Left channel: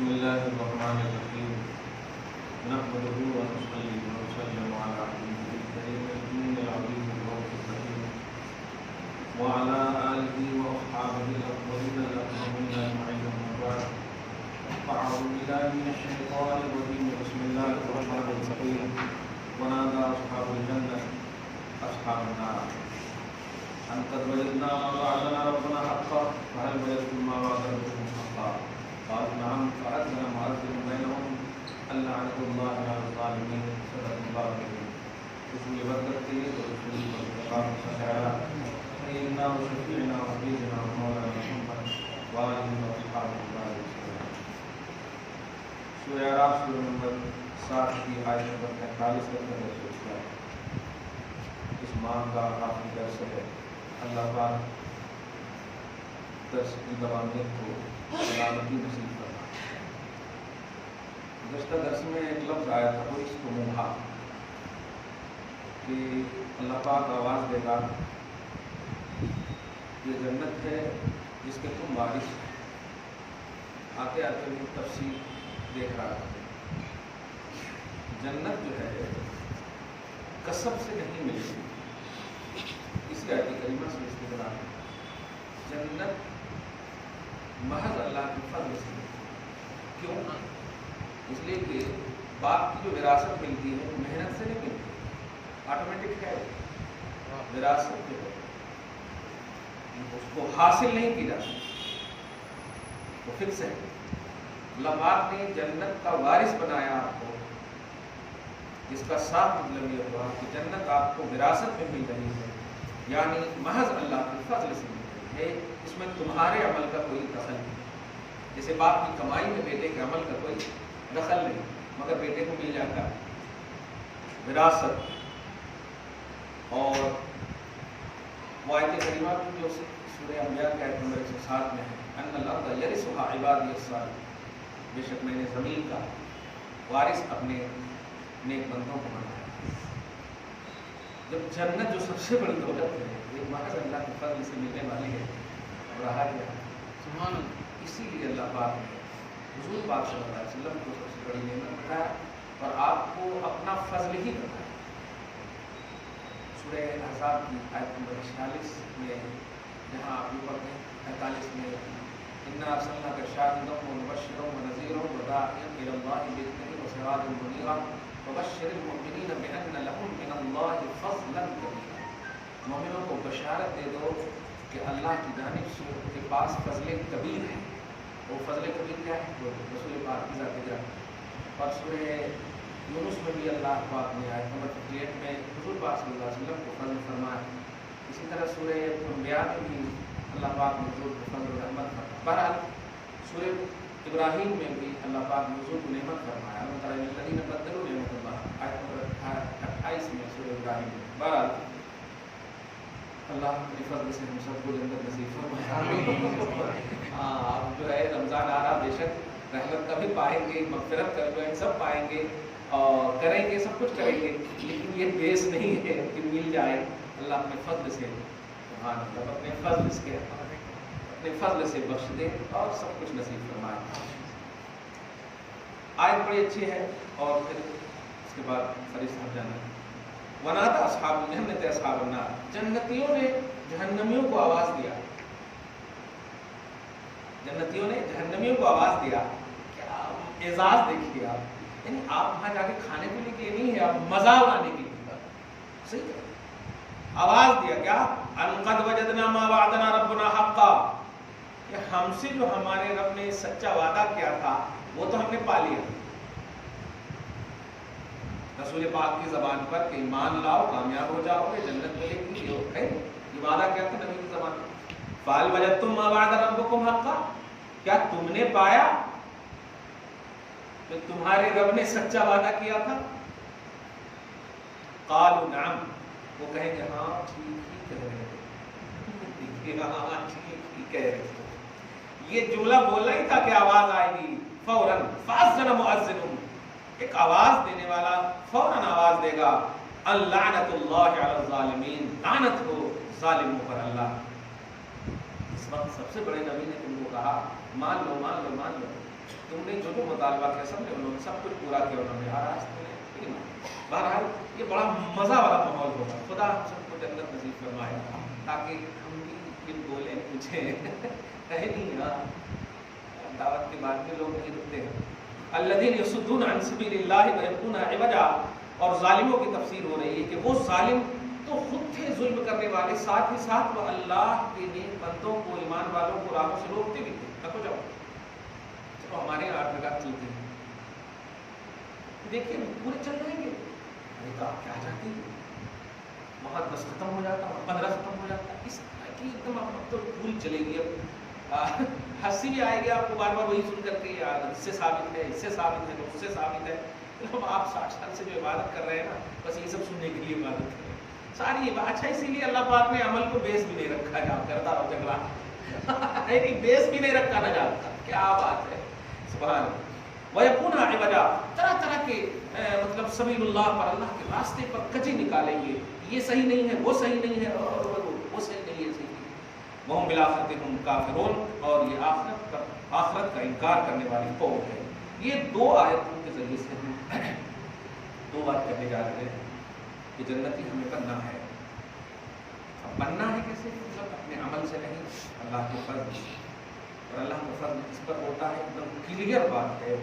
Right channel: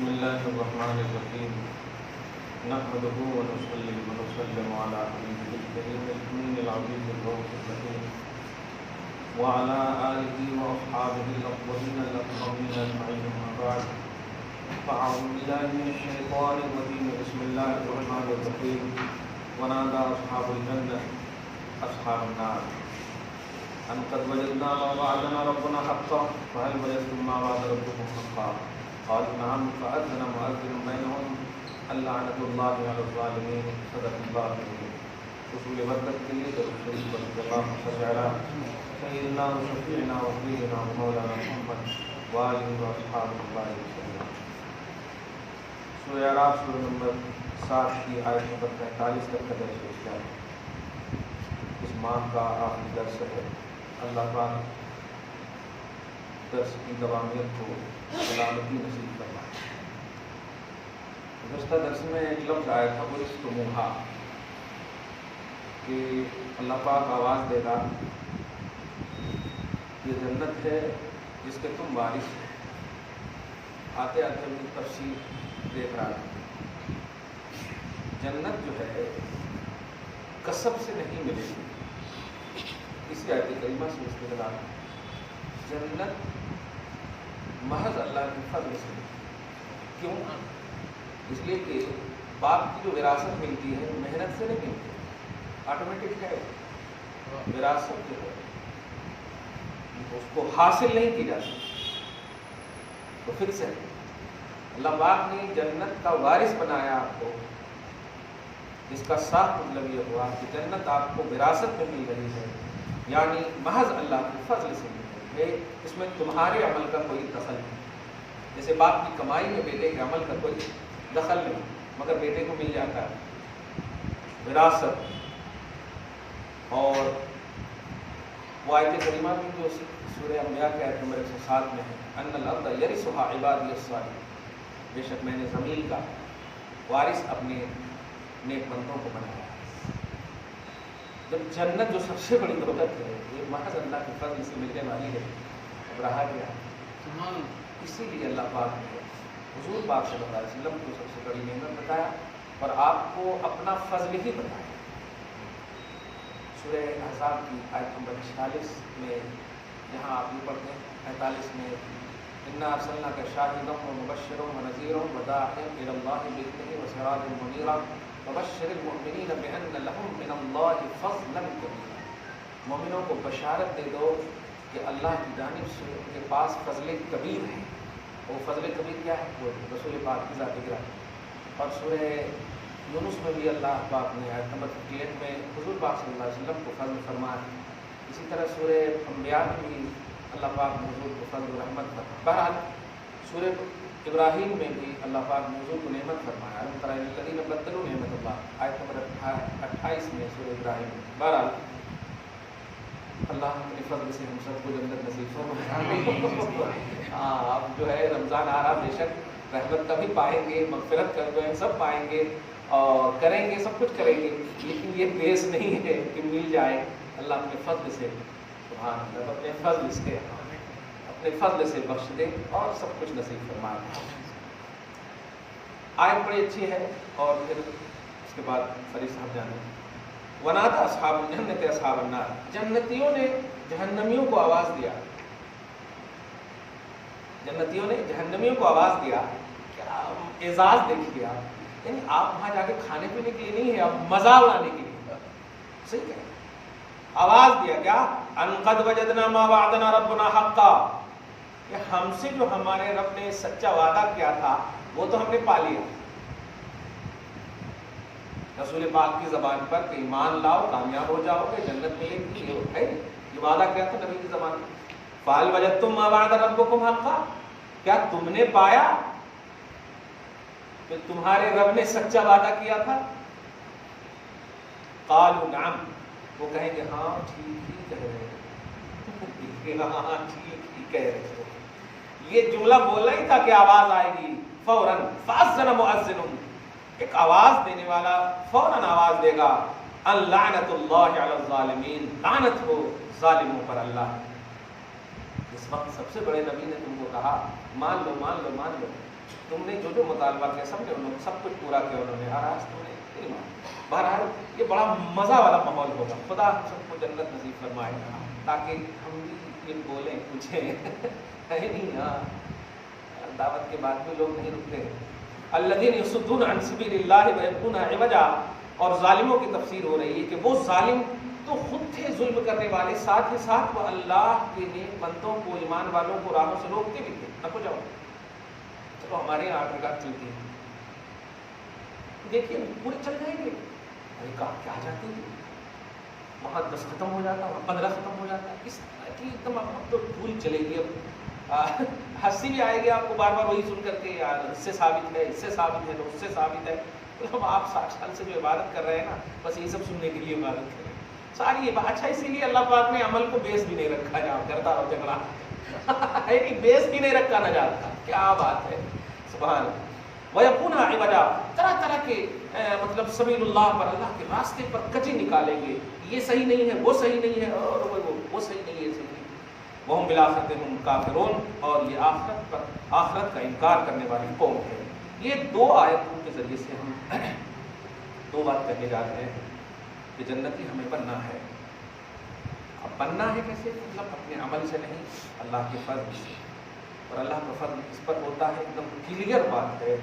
بسم الله الرحمن الرحيم نحمده ونصلي ونسلم على حبيبه الكريم الأمين العزيز الرؤوف الرحيم وعلى آله وأصحابه الأفضلين الأكرمين أجمعين أما بعد فأعوذ بالله من الشيطان الرجيم بسم الله الرحمن الرحيم ونادى أصحاب الجنة أصحاب النار أن قد وجدنا ما وعدنا ربنا حقا فهل وجدتم ما وعد ربكم حقا قالوا نعم فأذن مؤذن بينهم اللعنة الله على الظالمين صدق الله العظيم رسول برکت کے لیے درود شریف پر اللہ سجارا سیدنا و شفیعنا و حبیبنا و مولانا محمد وآلہ و اصحاب اللہ علیہ وسلم. سورہ اعراف سورہ نمبر 7 کی آیت نمبر 45 تک کا درس ہوتا ہے. اس ماہ کا آخری درس ہے. اللہ پاک درس کی دوامیت کو سلامتی نصیب کرنا. گزشتہ درس میں ایک لفظ آیا تھا وہ استموہا کہ اللہ پاک آواز دیتا یہ جنت ہے جس کے تم وارث ہو. آتے آتے بھی تفصیل دیکھ رہا تھا. جنت جو ہے کسب سے نہیں ملے گی. اسی آیت کریمہ سے استدلال جنت محض اللہ کے فضل سے. کیوں؟ اس لیے کہ باپ کی جو وراثت ملتی ہے محنت سے نہیں ملتی, آٹومیٹک ہے. وراثت جو ہے اس کو حاصل نہیں کی جاتی, وہ فکس ہے. اللہ پاک نے جنت کا وارث بنایا آپ کو. اس کا صاف مطلب یہ ہوا کہ جنت آپ کو وراثت میں مل رہی ہے, یعنی محض اللہ کے فضل سے مل رہی ہے. اس میں تمہارے عمل کا کوئی دخل نہیں. جیسے باپ کی کمائی میں بیٹے کے عمل کا کوئی دخل نہیں, مگر بیٹے کو مل جاتا ہے وراثت. اور وہ آیت کریمہ میں جو سورہ انبیاء کی آیت نمبر 107 میں ہے ان الارض یرثها عبادی الصالحون, بے شک میں نے زمین کا وارث اپنے نیک بندوں کو بنایا. جب جنت جو سب سے بڑی دولت ہے یہ محض اللہ کے فضل سے ملنے والی ہے, اب رہا کیا ہے. اسی لیے اللہ پاک نے حضور پاک صلی اللہ علیہ وسلم کو سب سے بڑی نعمت بتایا اور آپ کو اپنا فضل ہی بتایا. سورہ احزاب کی آیت نمبر 46 میں جہاں آپ یہ پڑھتے ہیں 45 میں انا ارسلناک شاہدا ومبشرا ونذیرا وداعیا الی اللہ باذنہ وسراجا منیرا وبشر المؤمنین بان لهم من اللہ فضلا کبیرا. مومنوں کو بشارت دے دو کہ اللہ کی جانب سے ان کے پاس فضل کبیر ہے. وہ فضل کبیر کیا ہے؟ وہ رسول پاک کی ذات گرامی. اور سورہ یونس میں بھی اللہ پاک نے آیت نمبر 58 میں حضور پاک صلی اللہ علیہ وسلم کو فضل فرمایا. اسی طرح سورہ انبیاء میں بھی اللہ پاک نے حضور کو فضل رحمت فرمایا. بہرحال سورہ ابراہیم میں بھی اللہ پاک نے حضور کو نعمت فرمایا. الذین بدلوا نعمت اللہ آیت نمبر 28 میں سورہ ابراہیم میں. بہرحال اللہ اپنے فضل سے ہم سب کو جنت نصیب فرمائے. آپ جو ہے رمضان آ رہا, بے شک رحمت کا بھی پائیں گے, مغفرت کا بھی سب پائیں گے اور کریں گے, سب کچھ کریں گے, لیکن یہ بیس نہیں ہے کہ مل جائے. اللہ اپنے فضل سے سبحان اللہ اپنے فضل سے بخش دے اور سب کچھ نصیب فرمائے. آیت بڑی اچھی ہے. اور پھر اس کے بعد فریض صاحب جانے ونادى اصحاب الجنت اصحاب النار, جنتیوں نے جہنمیوں کو آواز دیا. جنتیوں نے جہنمیوں کو آواز دیا. کیا اعزاز دیکھیے آپ, یعنی آپ وہاں جا کے کھانے پینے کے لیے نہیں ہے, آپ مزہ اڑانے کے لیے. صحیح ہے, آواز دیا کیا ان قد وجدنا ما وعدنا ربنا حقا, کہ ہم سے جو ہمارے رب نے سچا وعدہ کیا تھا وہ تو ہم نے پا لیا. رسول پاک کی زبان پر کہ ایمان لاؤ کامیاب ہو جاؤ گے جنت ملے گی, یہ وعدہ کیا تھا نبی کی زبان پر. فَهَلْ وَجَدتُّم مَّا وَعَدَ رَبُّكُمْ حَقًّا, کیا تم نے پایا کہ تمہارے رب نے سچا وعدہ کیا تھا. قالوا نعم, وہ کہیں گے ہاں ٹھیک ہی کہہ رہے ہیں, ہاں ٹھیک ہی کہہ رہے ہیں. یہ جملہ بولنا ہی تھا کہ آواز آئے گی فوراً. فَأَذَّنَ مُؤَذِّنٌ, ایک آواز دینے والا فوراً آواز دے گا اللعنۃ اللہ علی الظالمین, لعنت ہو ظالموں پر اللہ. اس وقت سب سے بڑے نبی نے تم کو کہا مان لو مان لو مان لو, تم نے جو جو مطالبہ کیا سب نے انہوں نے سب کچھ پورا کیا انہوں نے، آج تم نے نہیں مانا۔ بہرحال یہ بڑا مزہ والا ماحول ہوگا، خدا ہم سب کو جنت نصیب فرمائے تاکہ ہم بھی یہ بولیں پوچھیں ہے نہیں۔ ہاں دعوت کے بعد بھی لوگ نہیں رکتے ہیں۔ الذین یصدون عن سبیل اللہ ویبغون عوجا، اور ظالموں کی تفسیر ہو رہی ہے کہ وہ ظالم تو خود تھے ظلم کرنے والے، ساتھ ہی ساتھ وہ اللہ کے نیک بندوں کو، ایمان والوں کو راہوں سے روکتے بھی تھے۔ نہ جاؤ چلو ہمارے یہاں 8 رکعت چلتی ہے، دیکھیے پورے چل جائیں گے، ارے کہا کیا چاہتے ہیں، وہاں 10 ختم ہو جاتا، 15 ختم ہو جاتا، اس طرح کی ایک دم اب تو پوری چلے گی۔ اب ہنسی بھی آئے گی آپ کو بار بار وہی سن کر کے، یار اس سے ثابت ہے، اس سے ثابت ہے، اس سے ثابت ہے۔ مطلب آپ 60 سال سے جو عبادت کر رہے ہیں نا، بس یہ سب سننے کے لیے عبادت کر رہے ہیں ساری یہ بات۔ اچھا اسی لیے اللہ پاک نے عمل کو بیس بھی نہیں رکھا، جہاں کرتا ہو جھگڑا نہیں بیس بھی نہیں رکھا نہ جاتا، کیا بات ہے، سبحان اللہ۔ وَيَكُونَ عِوَجًا، طرح طرح کے مطلب سبیل اللہ پر، اللہ کے راستے پر کجی نکالیں گے، یہ صحیح نہیں ہے، وہ صحیح نہیں ہے، اور وہ صحیح نہیں ہے، صحیح نہیں۔ وَهُمْ بِالْآخِرَةِ هُمْ كَافِرُونَ، اور یہ آخرت کا انکار کرنے والی قوم ہے۔ یہ 2 آیتوں کے ذریعے سے ہم 2 بات کرنے جا رہے ہیں کہ جنتی ہمیں بننا ہے۔ اب بننا ہے کیسے؟ مطلب اپنے عمل سے نہیں، اللہ کے فضل سے، اور اللہ کا فضل اس پر ہوتا ہے، ایک دم کلیئر بات ہے،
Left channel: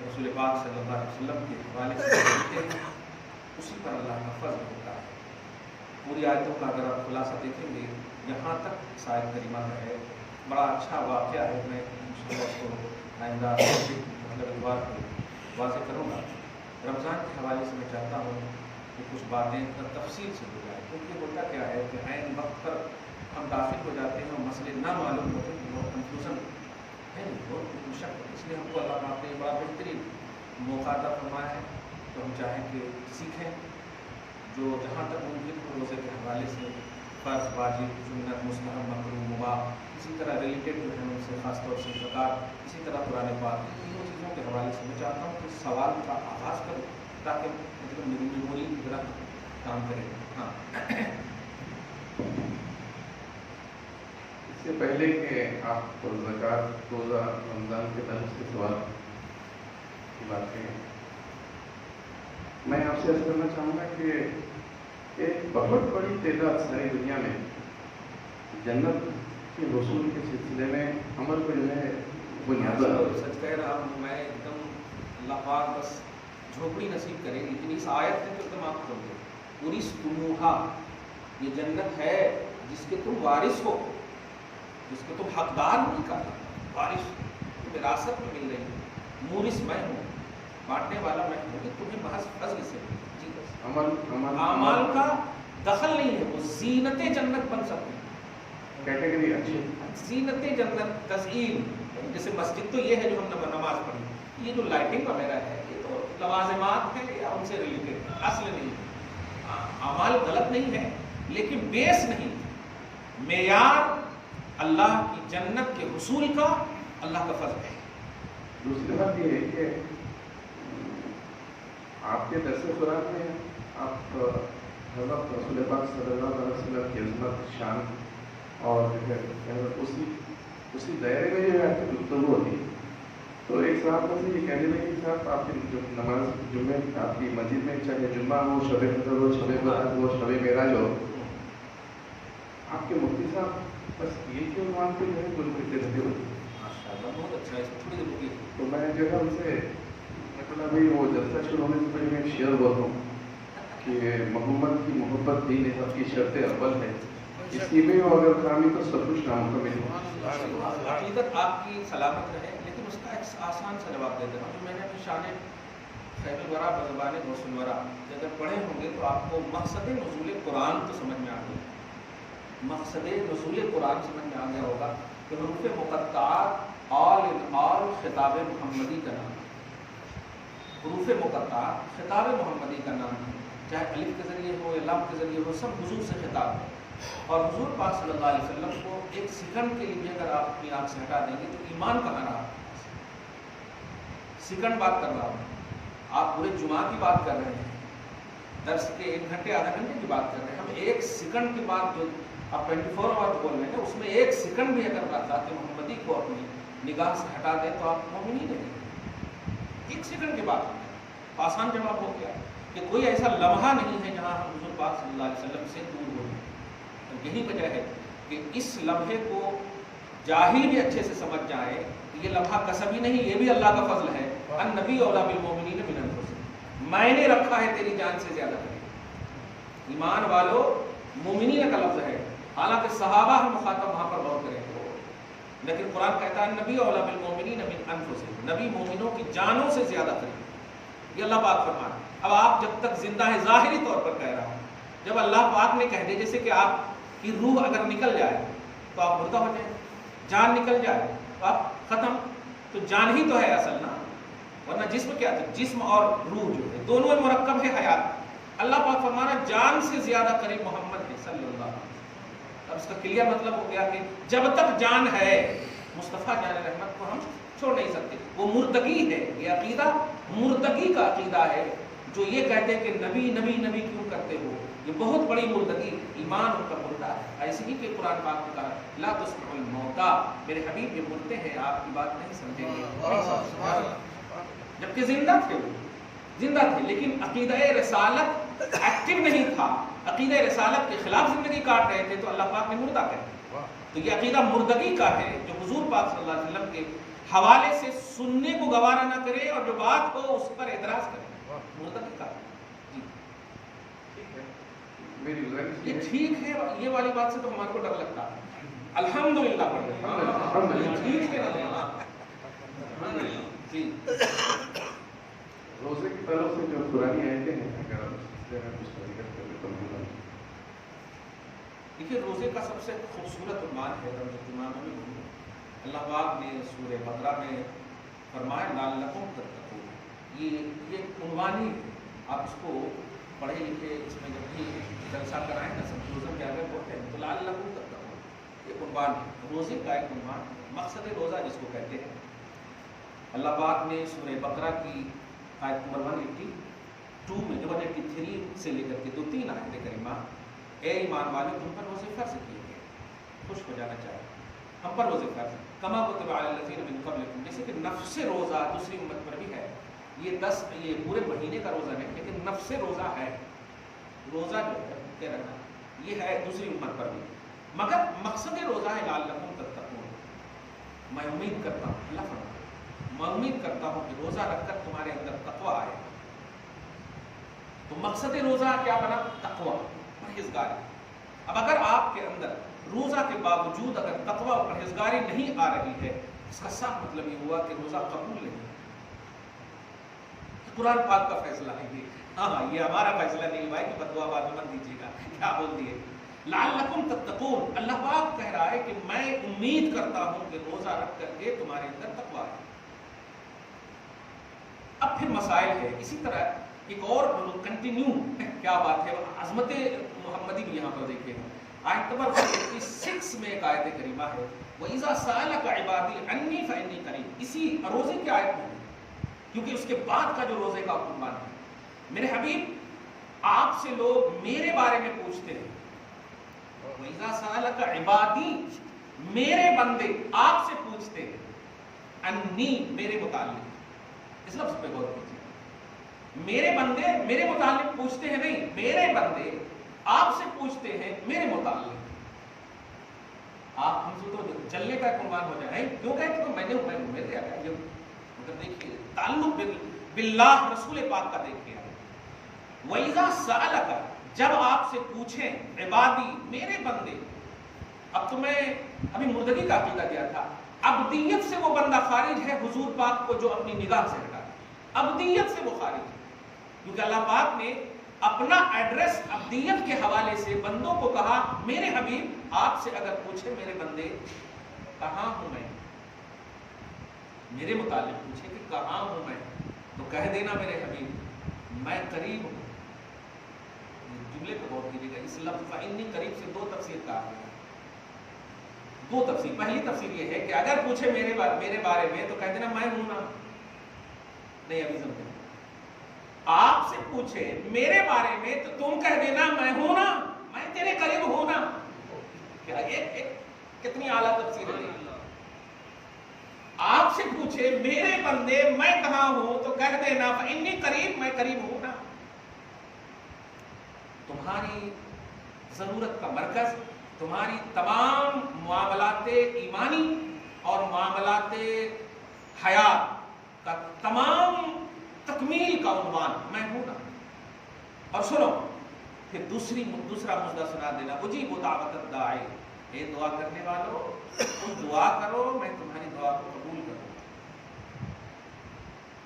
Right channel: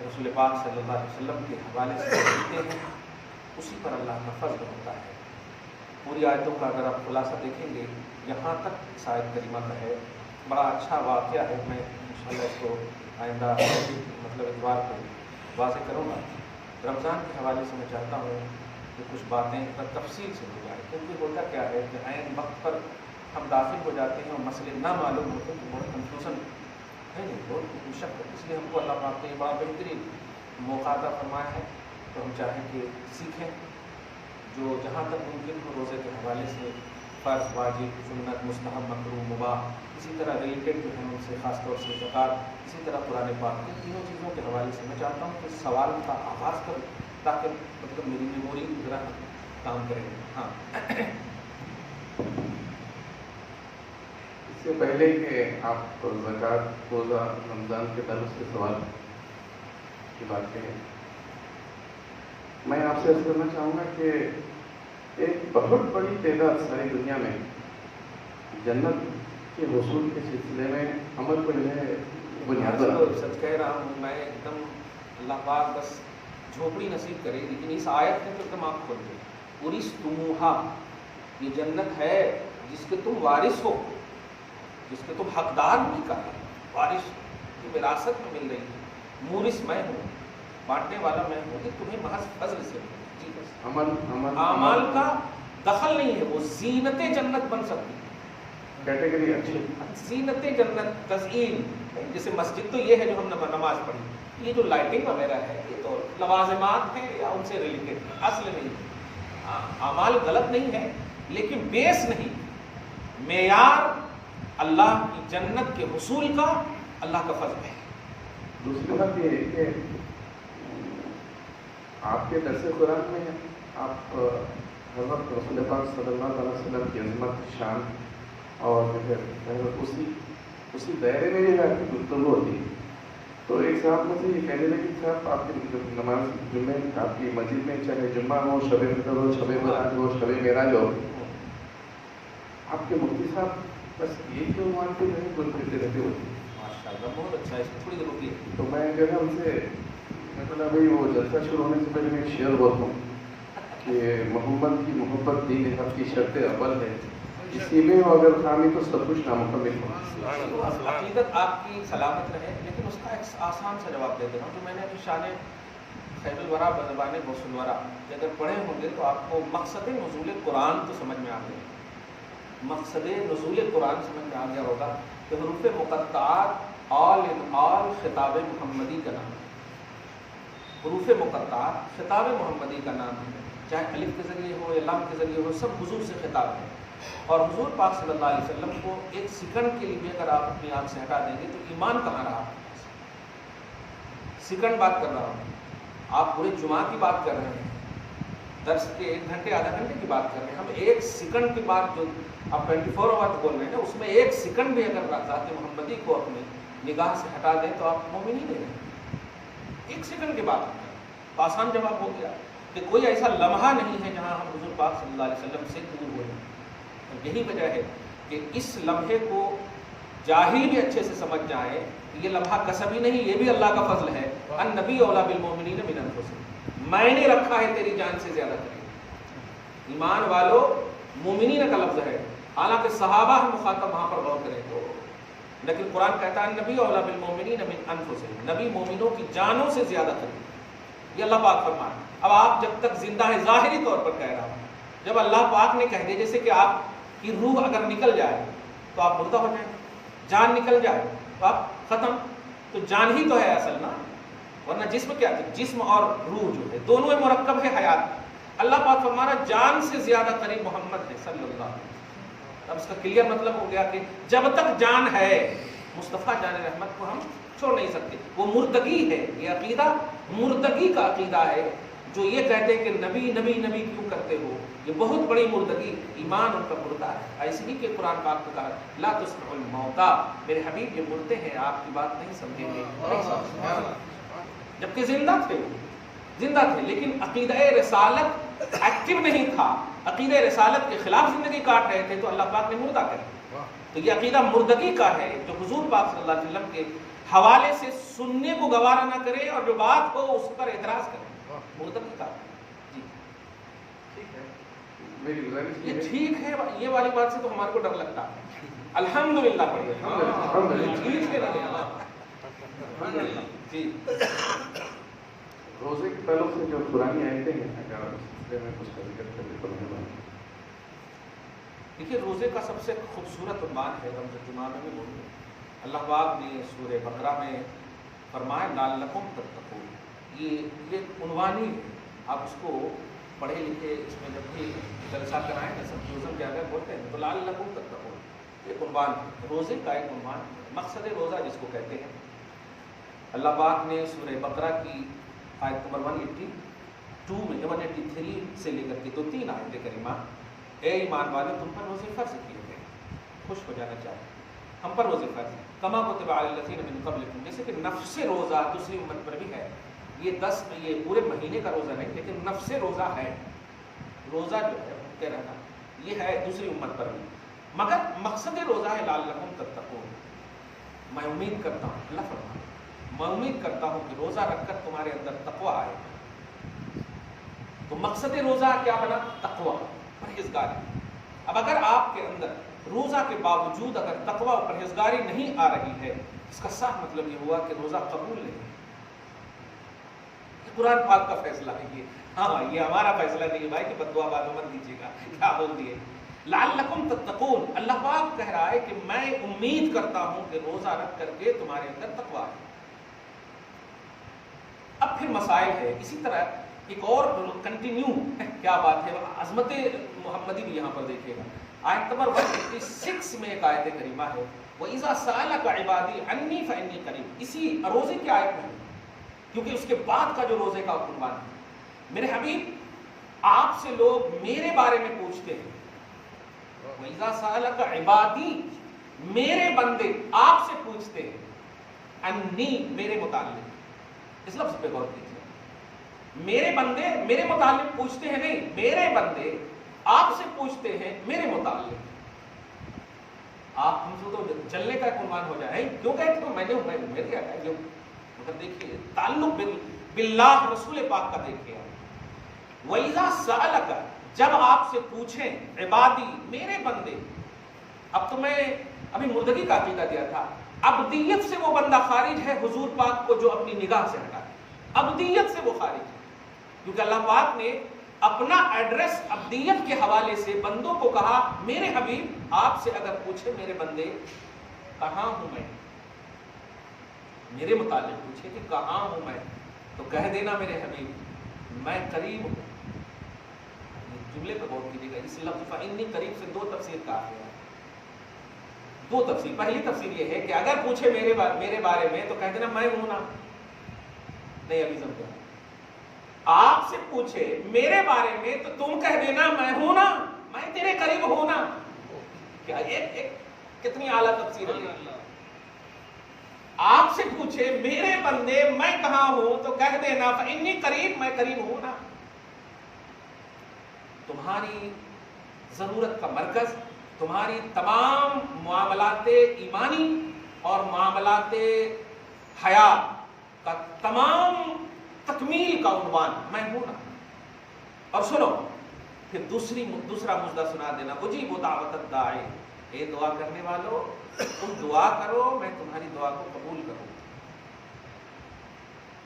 رسول پاک صلی اللہ علیہ وسلم کے حوالے سے کہتے ہیں، اسی پر اللہ کا فضل ہوتا ہے۔ پوری آیتوں کا اگر آپ خلاصہ دیکھیں گے، یہاں تک آیت کریمہ کا ہے، بڑا اچھا واقعہ ہے، میں انشاءاللہ اس کو آئندہ مطلب اتوار کو واضح کروں گا۔ رمضان کے حوالے سے میں چاہتا ہوں کہ کچھ باتیں تفصیل سے ہو جائیں، کیونکہ ہوتا کیا ہے کہ عین وقت پر ہم داخل ہو جاتے ہیں اور مسئلے نہ معلوم ہوتے ہیں، بہت کنفیوژن ہے نہیں، بہت مشکل، اس لیے ہم کو اللہ پاک نے بڑا بہترین موقع عطا فرمایا ہے، تو ہم چاہیں کہ سیکھیں، جو جہاں تک ممکن ہو روزے کے حوالے سے فرض، واجب، سنت، مستحب، مکروہ، مباح، اسی طرح ریلیٹڈ جو ہیں ان سے خاص طور سے زکوٰۃ، اسی طرح قرآن پاک، ان تینوں چیزوں کے حوالے سے میں چاہتا ہوں کہ سوال کا آغاز کروں تاکہ مطلب میری میموری ذرا کام کرے۔ ہاں اس سے پہلے کہ آپ زکوٰۃ، روزہ، رمضان کے تعلق سے سوال کی بات کریں، میں آپ سے ایسا کرنا چاہوں گا کہ ایک بہت بڑی تعداد ساری دنیا میں جنت کے حصول کے سلسلے میں عمل پر جو ہے بنیاد، سچ کہہ رہا ہوں میں، ایک دم اللہ پاک بس جھوپڑی نصیب کرے، لیکن اس آیت نے تو ایک دم آپ کھول دے، اورثتموہا، یہ جنت ہے جس کے تم وارث ہو، جس کے تم حقدار نہیں کا وارث، وراثت میں مل رہی ہے، مورث میں ہوں، بانٹنے والا میں ہوں، کہ تمہیں محض فضل سے ملے۔ اعمال کا دخل نہیں ہے، وہ زینت جنت بن سکتی ہے، کیٹیگری اچھی زینت جنت، تزئین، جیسے مسجد تو یہ ہے جو ہم نماز پڑھی، یہ جو لائٹنگ وغیرہ ہے یہ تو لوازمات ہیں یا ان سے ریلیٹڈ ہے، اصل نہیں ہے۔ اعمال غلط نہیں ہے لیکن بیس نہیں، معیار اللہ کی جنت کے حصول کا اللہ کا فضل ہے۔ دوسری بات یہ ہے کہ آپ کے درس قرآن میں آپ حضرت رسول پاک صلی اللہ علیہ وسلم کی عظمت، شان اور اسی دائرے میں جو ہے گفتگو ہوتی ہے، تو ایک صاحب مجھ سے یہ کہنے لگے کہ صاحب آپ کی نماز جمعے آپ کی مسجد میں چاہے جمعہ ہو، شب قدر ہو، شب برات ہو، شب معراج ہو، آپ کے مفتی صاحب بس یہ جو عنوان پہ جو ہے گل پھرتے رہتے ہو۔ ماشاءاللہ بہت اچھا ہے، اس میں تھوڑی دیر رکیے۔ تو میں جو ہے ان سے بھائی وہ جلسہ شروع ہونے سے پہلے میں ایک شعر بولتا ہوں کہ محمد کی محبت دین حق کی شرط اول ہے، اسی میں اگر خامی تو سب کچھ نامکمل ہو۔ عقیدت آپ کی سلامت رہے، لیکن اس کا ایک آسان سا جواب دے دیتا ہوں جو میں نے ابھی شان خیر الورا بزبان غوث الورا اگر پڑھے ہوں گے تو آپ کو مقصد نزول قرآن تو سمجھ میں آ گیا، مقصد نزول قرآن سمجھ میں آ گیا ہوگا کہ حروف مقطعات آل ان آل خطاب محمدی کا نام ہے، حروف مقطعات خطاب محمدی کا نام ہے، چاہے الف کے ذریعے ہو یا لام کے ذریعے ہو، سب حضور سے خطاب ہے۔ اور حضور پاک صلی اللہ علیہ وسلم کو ایک سیکنڈ کے لیے اگر آپ اپنی آنکھ سے ہٹا دیں گے تو ایمان کہاں رہا آپ کے پاس؟ سیکنڈ بات کر رہا ہوں، آپ پورے جمعہ کی بات کر رہے ہیں، درس کے 1 گھنٹے آدھا گھنٹے کی بات کر رہے ہیں، ہم 1 سیکنڈ کی بات جو آپ 24 آور بول رہے ہیں نا، اس میں 1 سیکنڈ بھی اگر ذات محمدی کو اپنی نگاہ سے ہٹا دیں تو آپ مومن ہی نہیں رہیں۔ 1 سیکنڈ کے بعد آسان جواب ہو گیا کہ کوئی ایسا لمحہ نہیں ہے جہاں ہم حضور پاک صلی اللہ علیہ وسلم سے دور ہو جائیں۔ اور یہی وجہ ہے کہ اس لمحے کو جاہل بھی اچھے سے سمجھ جائیں کہ یہ لمحہ کسبی نہیں، یہ بھی اللہ کا فضل ہے۔ النبی اولیٰ بالمؤمنین من انفسہم، میں نے رکھا ہے تیری جان سے زیادہ قریب۔ ایمان والو مومنین کا لفظ ہے، حالانکہ صحابہ ہم مخاطب وہاں پر غور کریں تو، لیکن قرآن کہتا ہے نبی اولیٰ بالمؤمنین من انفسہم، نبی مومنوں کی جانوں سے زیادہ قریب۔ یہ اللہ پاک فرماتا ہے۔ اب آپ جب تک زندہ ہیں، ظاہری طور پر کہہ رہا ہوں، جب اللہ پاک نے کہہ دے جیسے کہ آپ کی روح اگر نکل جائے تو آپ مردہ ہو جائیں، جان نکل جائے تو آپ ختم، تو جان ہی تو ہے اصل نا، ورنہ جسم کیا ہے؟ جسم اور روح جو ہے دونوں میں مرکب ہے حیات۔ اللہ پاک فرما رہا ہے جان سے زیادہ قریب محمد ہے صلی اللہ علیہ وسلم۔ اب اس کا کلیئر مطلب ہو گیا کہ جب تک جان ہے مصطفیٰ جان رحمت کو ہم چھوڑ نہیں سکتے۔ وہ مردگی ہے، یہ عقیدہ مردگی کا عقیدہ ہے۔ جو یہ کہتے ہیں کہ نبی نبی نبی کیوں کرتے ہو، یہ بہت بڑی مردگی، ایمان ان کا مردہ ہے۔ ایسے ہی کہ قرآن پاک نے کہا لا تسمعوا الموتى، میرے حبیب یہ مردے ہیں، آپ کی بات نہیں سمجھیں گے، جبکہ زندہ تھے، وہ زندہ تھے، لیکن عقیدہ رسالت ایکٹیو نہیں تھا، عقیدہ رسالت کے خلاف زندگی کاٹ رہے تھے، تو اللہ پاک نے مردہ کہا۔ تو یہ عقیدہ مردگی کا ہے، جو حضور پاک صلی اللہ علیہ وسلم کے حوالے سے سننے کو گوارا نہ کرے اور جو بات ہو اس پر اعتراض کرے، مردگی کا۔ جی ٹھیک ہے، میری گزارش یہ ٹھیک ہے، یہ والی بات سے تو ہمارے کو ڈر لگتا ہے۔ الحمدللہ ٹھیک ہے جی۔ روزے کے تعلق سے جو پرانی آیتیں ہیں، اگر اس میں کچھ ذکر کریں تو مہربانی۔ دیکھیے روزے کا سب سے خوبصورت عنوان ہے رمض الجمعہ میں بولوں، اللہ پاک نے سورہ بقرہ میں فرمایا لعلکم تتقون، یہ عنوان ہی ہے۔ آپ اس کو پڑھے لکھے، اس میں جب بھی جلسہ کرائیں نا سب روزہ کیا گئے بولتے ہیں تو لعلکم تتقون، ایک عنوان ہے روزے کا، ایک عنوان مقصد روزہ جس کو کہتے ہیں۔ اللہ پاک نے سورہ بقرہ کی آیت نمبر 182 میں 183 سے لے کر کے 3 آیتیں کریمہ، اے ایمان والے تم پر روزے فرض کیے گئے، خوش ہو جانا چاہیے، ہم پر روزے فرض کما کتب علی الذین من قبلکم، جیسے کہ نفس روزہ دوسری امت پر بھی ہے، یہ پورے مہینے کا روزہ نہیں لیکن نفس روزہ ہے، روزہ جو ہے بھوکے رہنا یہ ہے دوسری امت پر بھی، مگر مقصد روزہ ہے لعلکم تتقون۔ میں امید کرتا ہوں، اللہ فرماتا ہے میں امید کرتا ہوں کہ روزہ رکھ کر تمہارے اندر تقوی آئے۔ تو مقصد روزہ کیا بنا؟ تقوی، پرہیزگاری۔ اب اگر آپ کے اندر روزہ کے باوجود اگر تقوی اور پرہیزگاری نہیں آ رہی ہے، اس کا صاف مطلب یہ ہوا کہ روزہ قبول نہیں۔ قرآن پاک کا فیصلہ ہے یہ، ہاں یہ ہمارا فیصلہ نہیں ہے بھائی کہ بددعا بازو مت دیجیے گا، کیا بول دیے لعلکم تتقون۔ اللہ پاک کہہ رہا ہے کہ میں امید کرتا ہوں کہ روزہ رکھ کر کے تمہارے اندر تقوی آئے۔ اب پھر مسائل ہے، اسی طرح ایک اور کنٹینیو کیا بات ہے، عظمت محمدی بھی یہاں پر دیکھیے گا۔ آیت نمبر 156 میں ایک آیت کریمہ ہے وَإِذَا سَأَلَكَ عِبَادِي عَنِّي فَإِنِّي قَرِيبٌ، اسی روزے کی آیت میں ہے، کیونکہ اس کے بعد کا جو روزے کا عنوان ہے، میرے حبیب آپ سے لوگ میرے بارے میں پوچھتے ہیں، وَإِذَا سَأَلَكَ عِبَادِي میرے بندے آپ سے پوچھتے ہیں، عَنِّي میرے متعلق، اس لفظ پہ غور کیجیے، میرے بندے میرے متعلق پوچھتے ہیں نہیں، میرے بندے آپ سے پوچھتے ہیں میرے متعلق۔ آپ ہم سے تو چلنے کا ایک عنوان ہو جائے، کیوں کہتے ہو میں نے میرے کیا یہ، مگر دیکھیے تعلق باللہ رسول پاک کا دیکھیے۔ وَإِذَا سَأَلَكَ جب آپ سے پوچھیں عبادی میرے بندے، اب تو میں ابھی مردگی کا عقیدہ دیا تھا، ابدیت سے وہ بندہ خارج ہے حضور پاک کو جو اپنی نگاہ سے ہٹا دے، ابدیت سے وہ خارج ہے، کیونکہ اللہ پاک نے اپنا ایڈریس ابدیت کے حوالے سے بندوں کو کہا میرے حبیب آپ سے اگر پوچھے میرے بندے کہاں ہوں میں، میرے متعلق پوچھے کہ کہاں ہوں میں، تو کہہ دینا میرے حبیب میں قریب ہوں۔ جملے پہ غور کیجیے گا، اس لفظ فَإِنِّي قریب سے 2 تفسیر کہا گیا ہے، 2 تفسیر۔ پہلی تفسیر یہ ہے کہ اگر پوچھے میرے بارے میں تو کہہ دینا میں ہوں نا، نہیں ابھی سمجھو، آپ سے پوچھے میرے بارے میں تو تم کہہ دینا میں ہوں نا، میں تیرے قریب ہوں نا۔ کیا ایک کتنی اعلیٰ تفسیر ہے۔ آپ سے پوچھے میرے بندے میں کہاں ہوں تو کہہ دینا فإنی قریب، میں قریب ہوں نا. تمہاری ضرورت کا مرکز، تمہاری تمام معاملات ایمانی اور معاملات حیات کا تمام تکمیل کا عنوان میں ہوں نا. اور سنو پھر دوسرا مدعا سنا دینا، اجیب دعوت الداعی، اے دعا کرنے والو تم دعا کرو میں تمہاری دعا کو قبول کروں گا.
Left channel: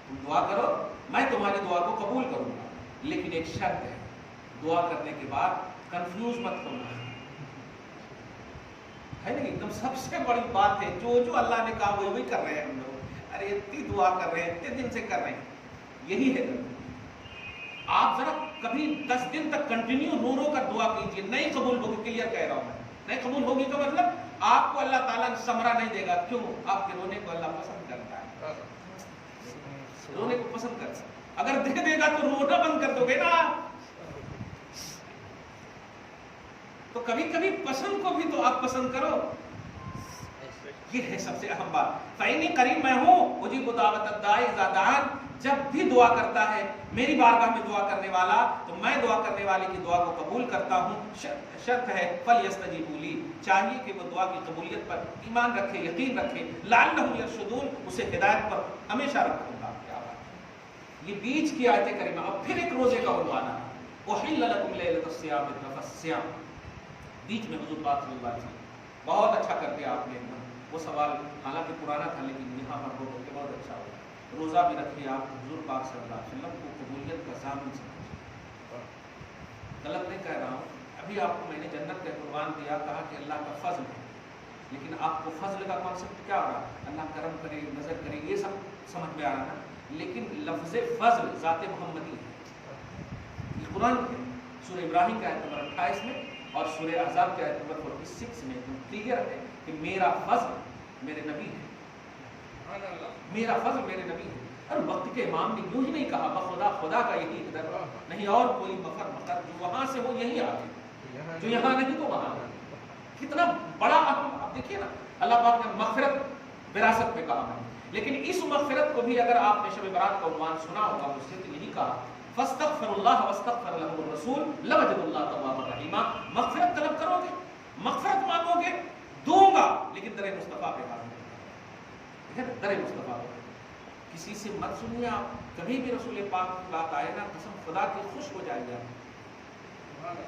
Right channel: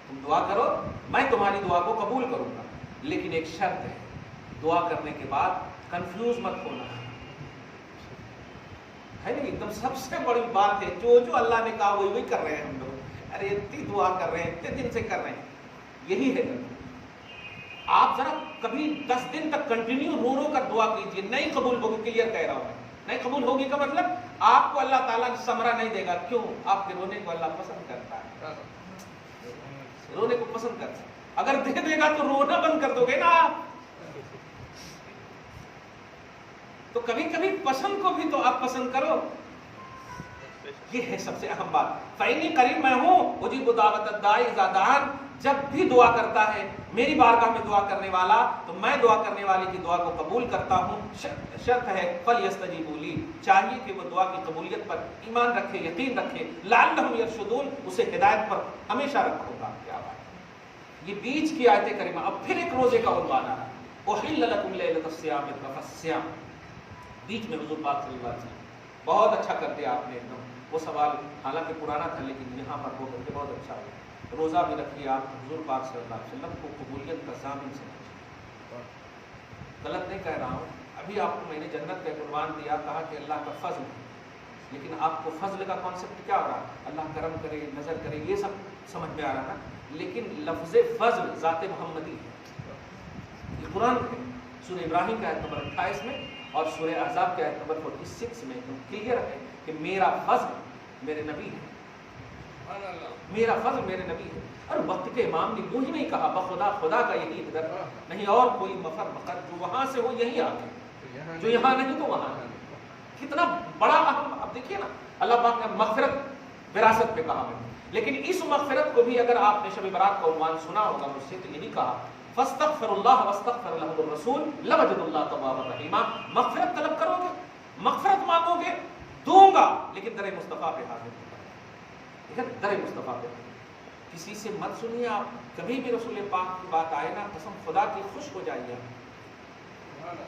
تم دعا کرو میں تمہاری دعا کو قبول کروں گا، لیکن ایک شرط ہے، دعا کرنے کے بعد کنفیوز مت ہونا ہے نا. ایک دم سب سے بڑی بات ہے، جو اللہ نے کہا وہی کر رہے ہیں ہم لوگ. ارے اتنی دعا کر رہے ہیں، اتنے دن سے کر رہے ہیں، یہی ہے. آپ ذرا کبھی 10 دن تک کنٹینیو رو کر دعا کیجیے، نہیں قبول ہوگی. کلیئر کہہ رہا ہوں میں، نہیں قبول ہوگی کا مطلب آپ کو اللہ تعالیٰ ثمرہ نہیں دے گا. کیوں؟ آپ کے رونے کو اللہ پسند کرتا ہے، رونے کو پسند کرتا ہے. اگر دے گا تو رونا بند کر دو گے نا آپ. تو کبھی کبھی پسند کو بھی تو آپ پسند کرو. یہ ہے سب سے اہم بات. فإنی قریب، میں ہوں، اجیب دعوت الداعی اذا دعان. جب بھی دعا کرتا ہے میری بارگاہ میں دعا کرنے والا تو میں دعا کرنے والے کی دعا کو قبول کرتا ہوں. شرط ہے فلیستجیبوا لی، چاہیے کہ وہ دعا کی قبولیت پر ایمان رکھے، یقین رکھے. لعلہم یرشدون، اسے ہدایت پر ہمیشہ رکھوں گا. کیا بات، یہ بیچ کی آیت کریمہ. اب پھر ایک روزے کا عنوان آ رہا ہے، احل لکم لیلۃ الصیام الرفث الصیام. بیچ میں حضور پاک صلی اللہ علیہ وسلم بہت اچھا کر دیا آپ نے. وہ سوال حالانکہ پرانا تھا لیکن یہاں پر ہو کے بہت اچھا ہوا. روزہ بھی رکھ لیا آپ، حضور پاک صلی اللہ علیہ وسلم کو قبولیت کا ضامن سمجھے. غلط نہیں کہہ رہا ہوں. ابھی آپ کو میں نے جنت کا عنوان دیا، کہا کہ اللہ کا فضل ہے، لیکن آپ کو فضل کا کانسیپٹ کیا ہو رہا؟ اللہ کرم کرے، نظر کرے، یہ سب سمجھ میں آ رہا نا. لیکن لفظ فضل ذات محمدی ہے. یہ قرآن ہے، سورہ ابراہیم کا آیت نمبر 28 میں اور سورہ احزاب کے آیت نمبر 46 میں کلیئر ہے کہ میرا فضل میرے نبی ہے، میرا فضل میرے نبی ہے. اور وقت کے امام نے یوں ہی نہیں کہا بخدا خدا کا یہی اقدار، نہیں اور کوئی مفر مقر جو وہاں سے ہو یہی آگے، جو یہاں نہیں تو وہاں نہیں. کتنا بڑا اہم. اب دیکھیے نا، اللہ پاک نے مغفرت وراثت میں کہا میں، لیکن اس مغفرت کو بھی اگر آپ نے شب برات کا عنوان سنا ہوگا مجھ سے تو یہی کہا فاستغفر اللہ واستغفر لهم الرسول لوجد اللہ توابا رحیما. مغفرت طلب کرو گے، مغفرت مانگو گے، دوں گا، لیکن در مصطفیٰ پہ حاضر در مصطفیٰ پہ. کسی سے مت سنیے آپ. کبھی بھی رسول پاک کی بات آئے نا، قسم خدا کی خوش ہو جائیے،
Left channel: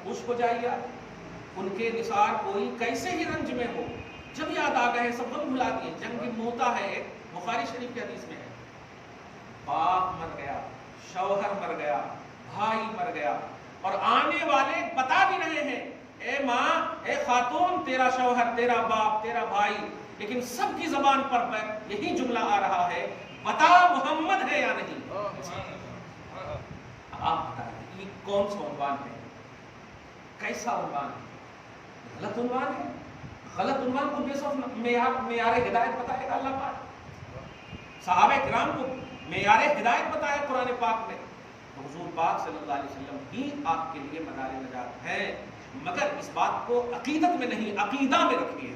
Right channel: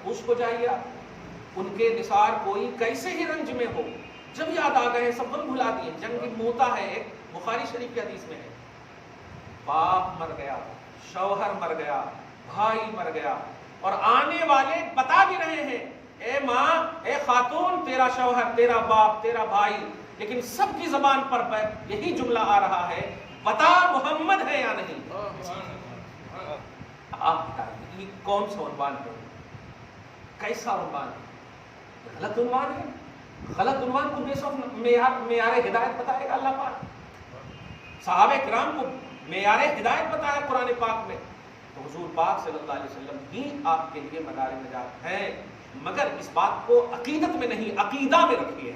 خوش ہو جائیے. ان کے نثار کوئی کیسے ہی رنج میں ہو، جب یاد آ گئے سب غم بھلا دیے. جنگ موتا ہے، ایک بخاری شریف کی حدیث میں ہے، باپ مر گیا، شوہر مر گیا، بھائی مر گیا، اور آنے والے بتا بھی رہے ہیں اے ماں، اے خاتون، تیرا شوہر، تیرا باپ، تیرا بھائی، لیکن سب کی زبان پر یہی جملہ آ رہا ہے بتا محمد ہے یا نہیں. آپ بتائیے یہ کون سا عنوان ہے، کیسا عنوان ہے؟ غلط عنوان ہے. غلط عنوان کو بیس آف معیار ہدایت بتائے گا اللہ پاک. صحابہ کرام کو معیار ہدایت بتایا قرآن پاک میں، تو حضور پاک صلی اللہ علیہ وسلم ہی آپ کے لیے مدار نجات ہے. مگر اس بات کو عقیدت میں نہیں، عقیدہ میں رکھیے.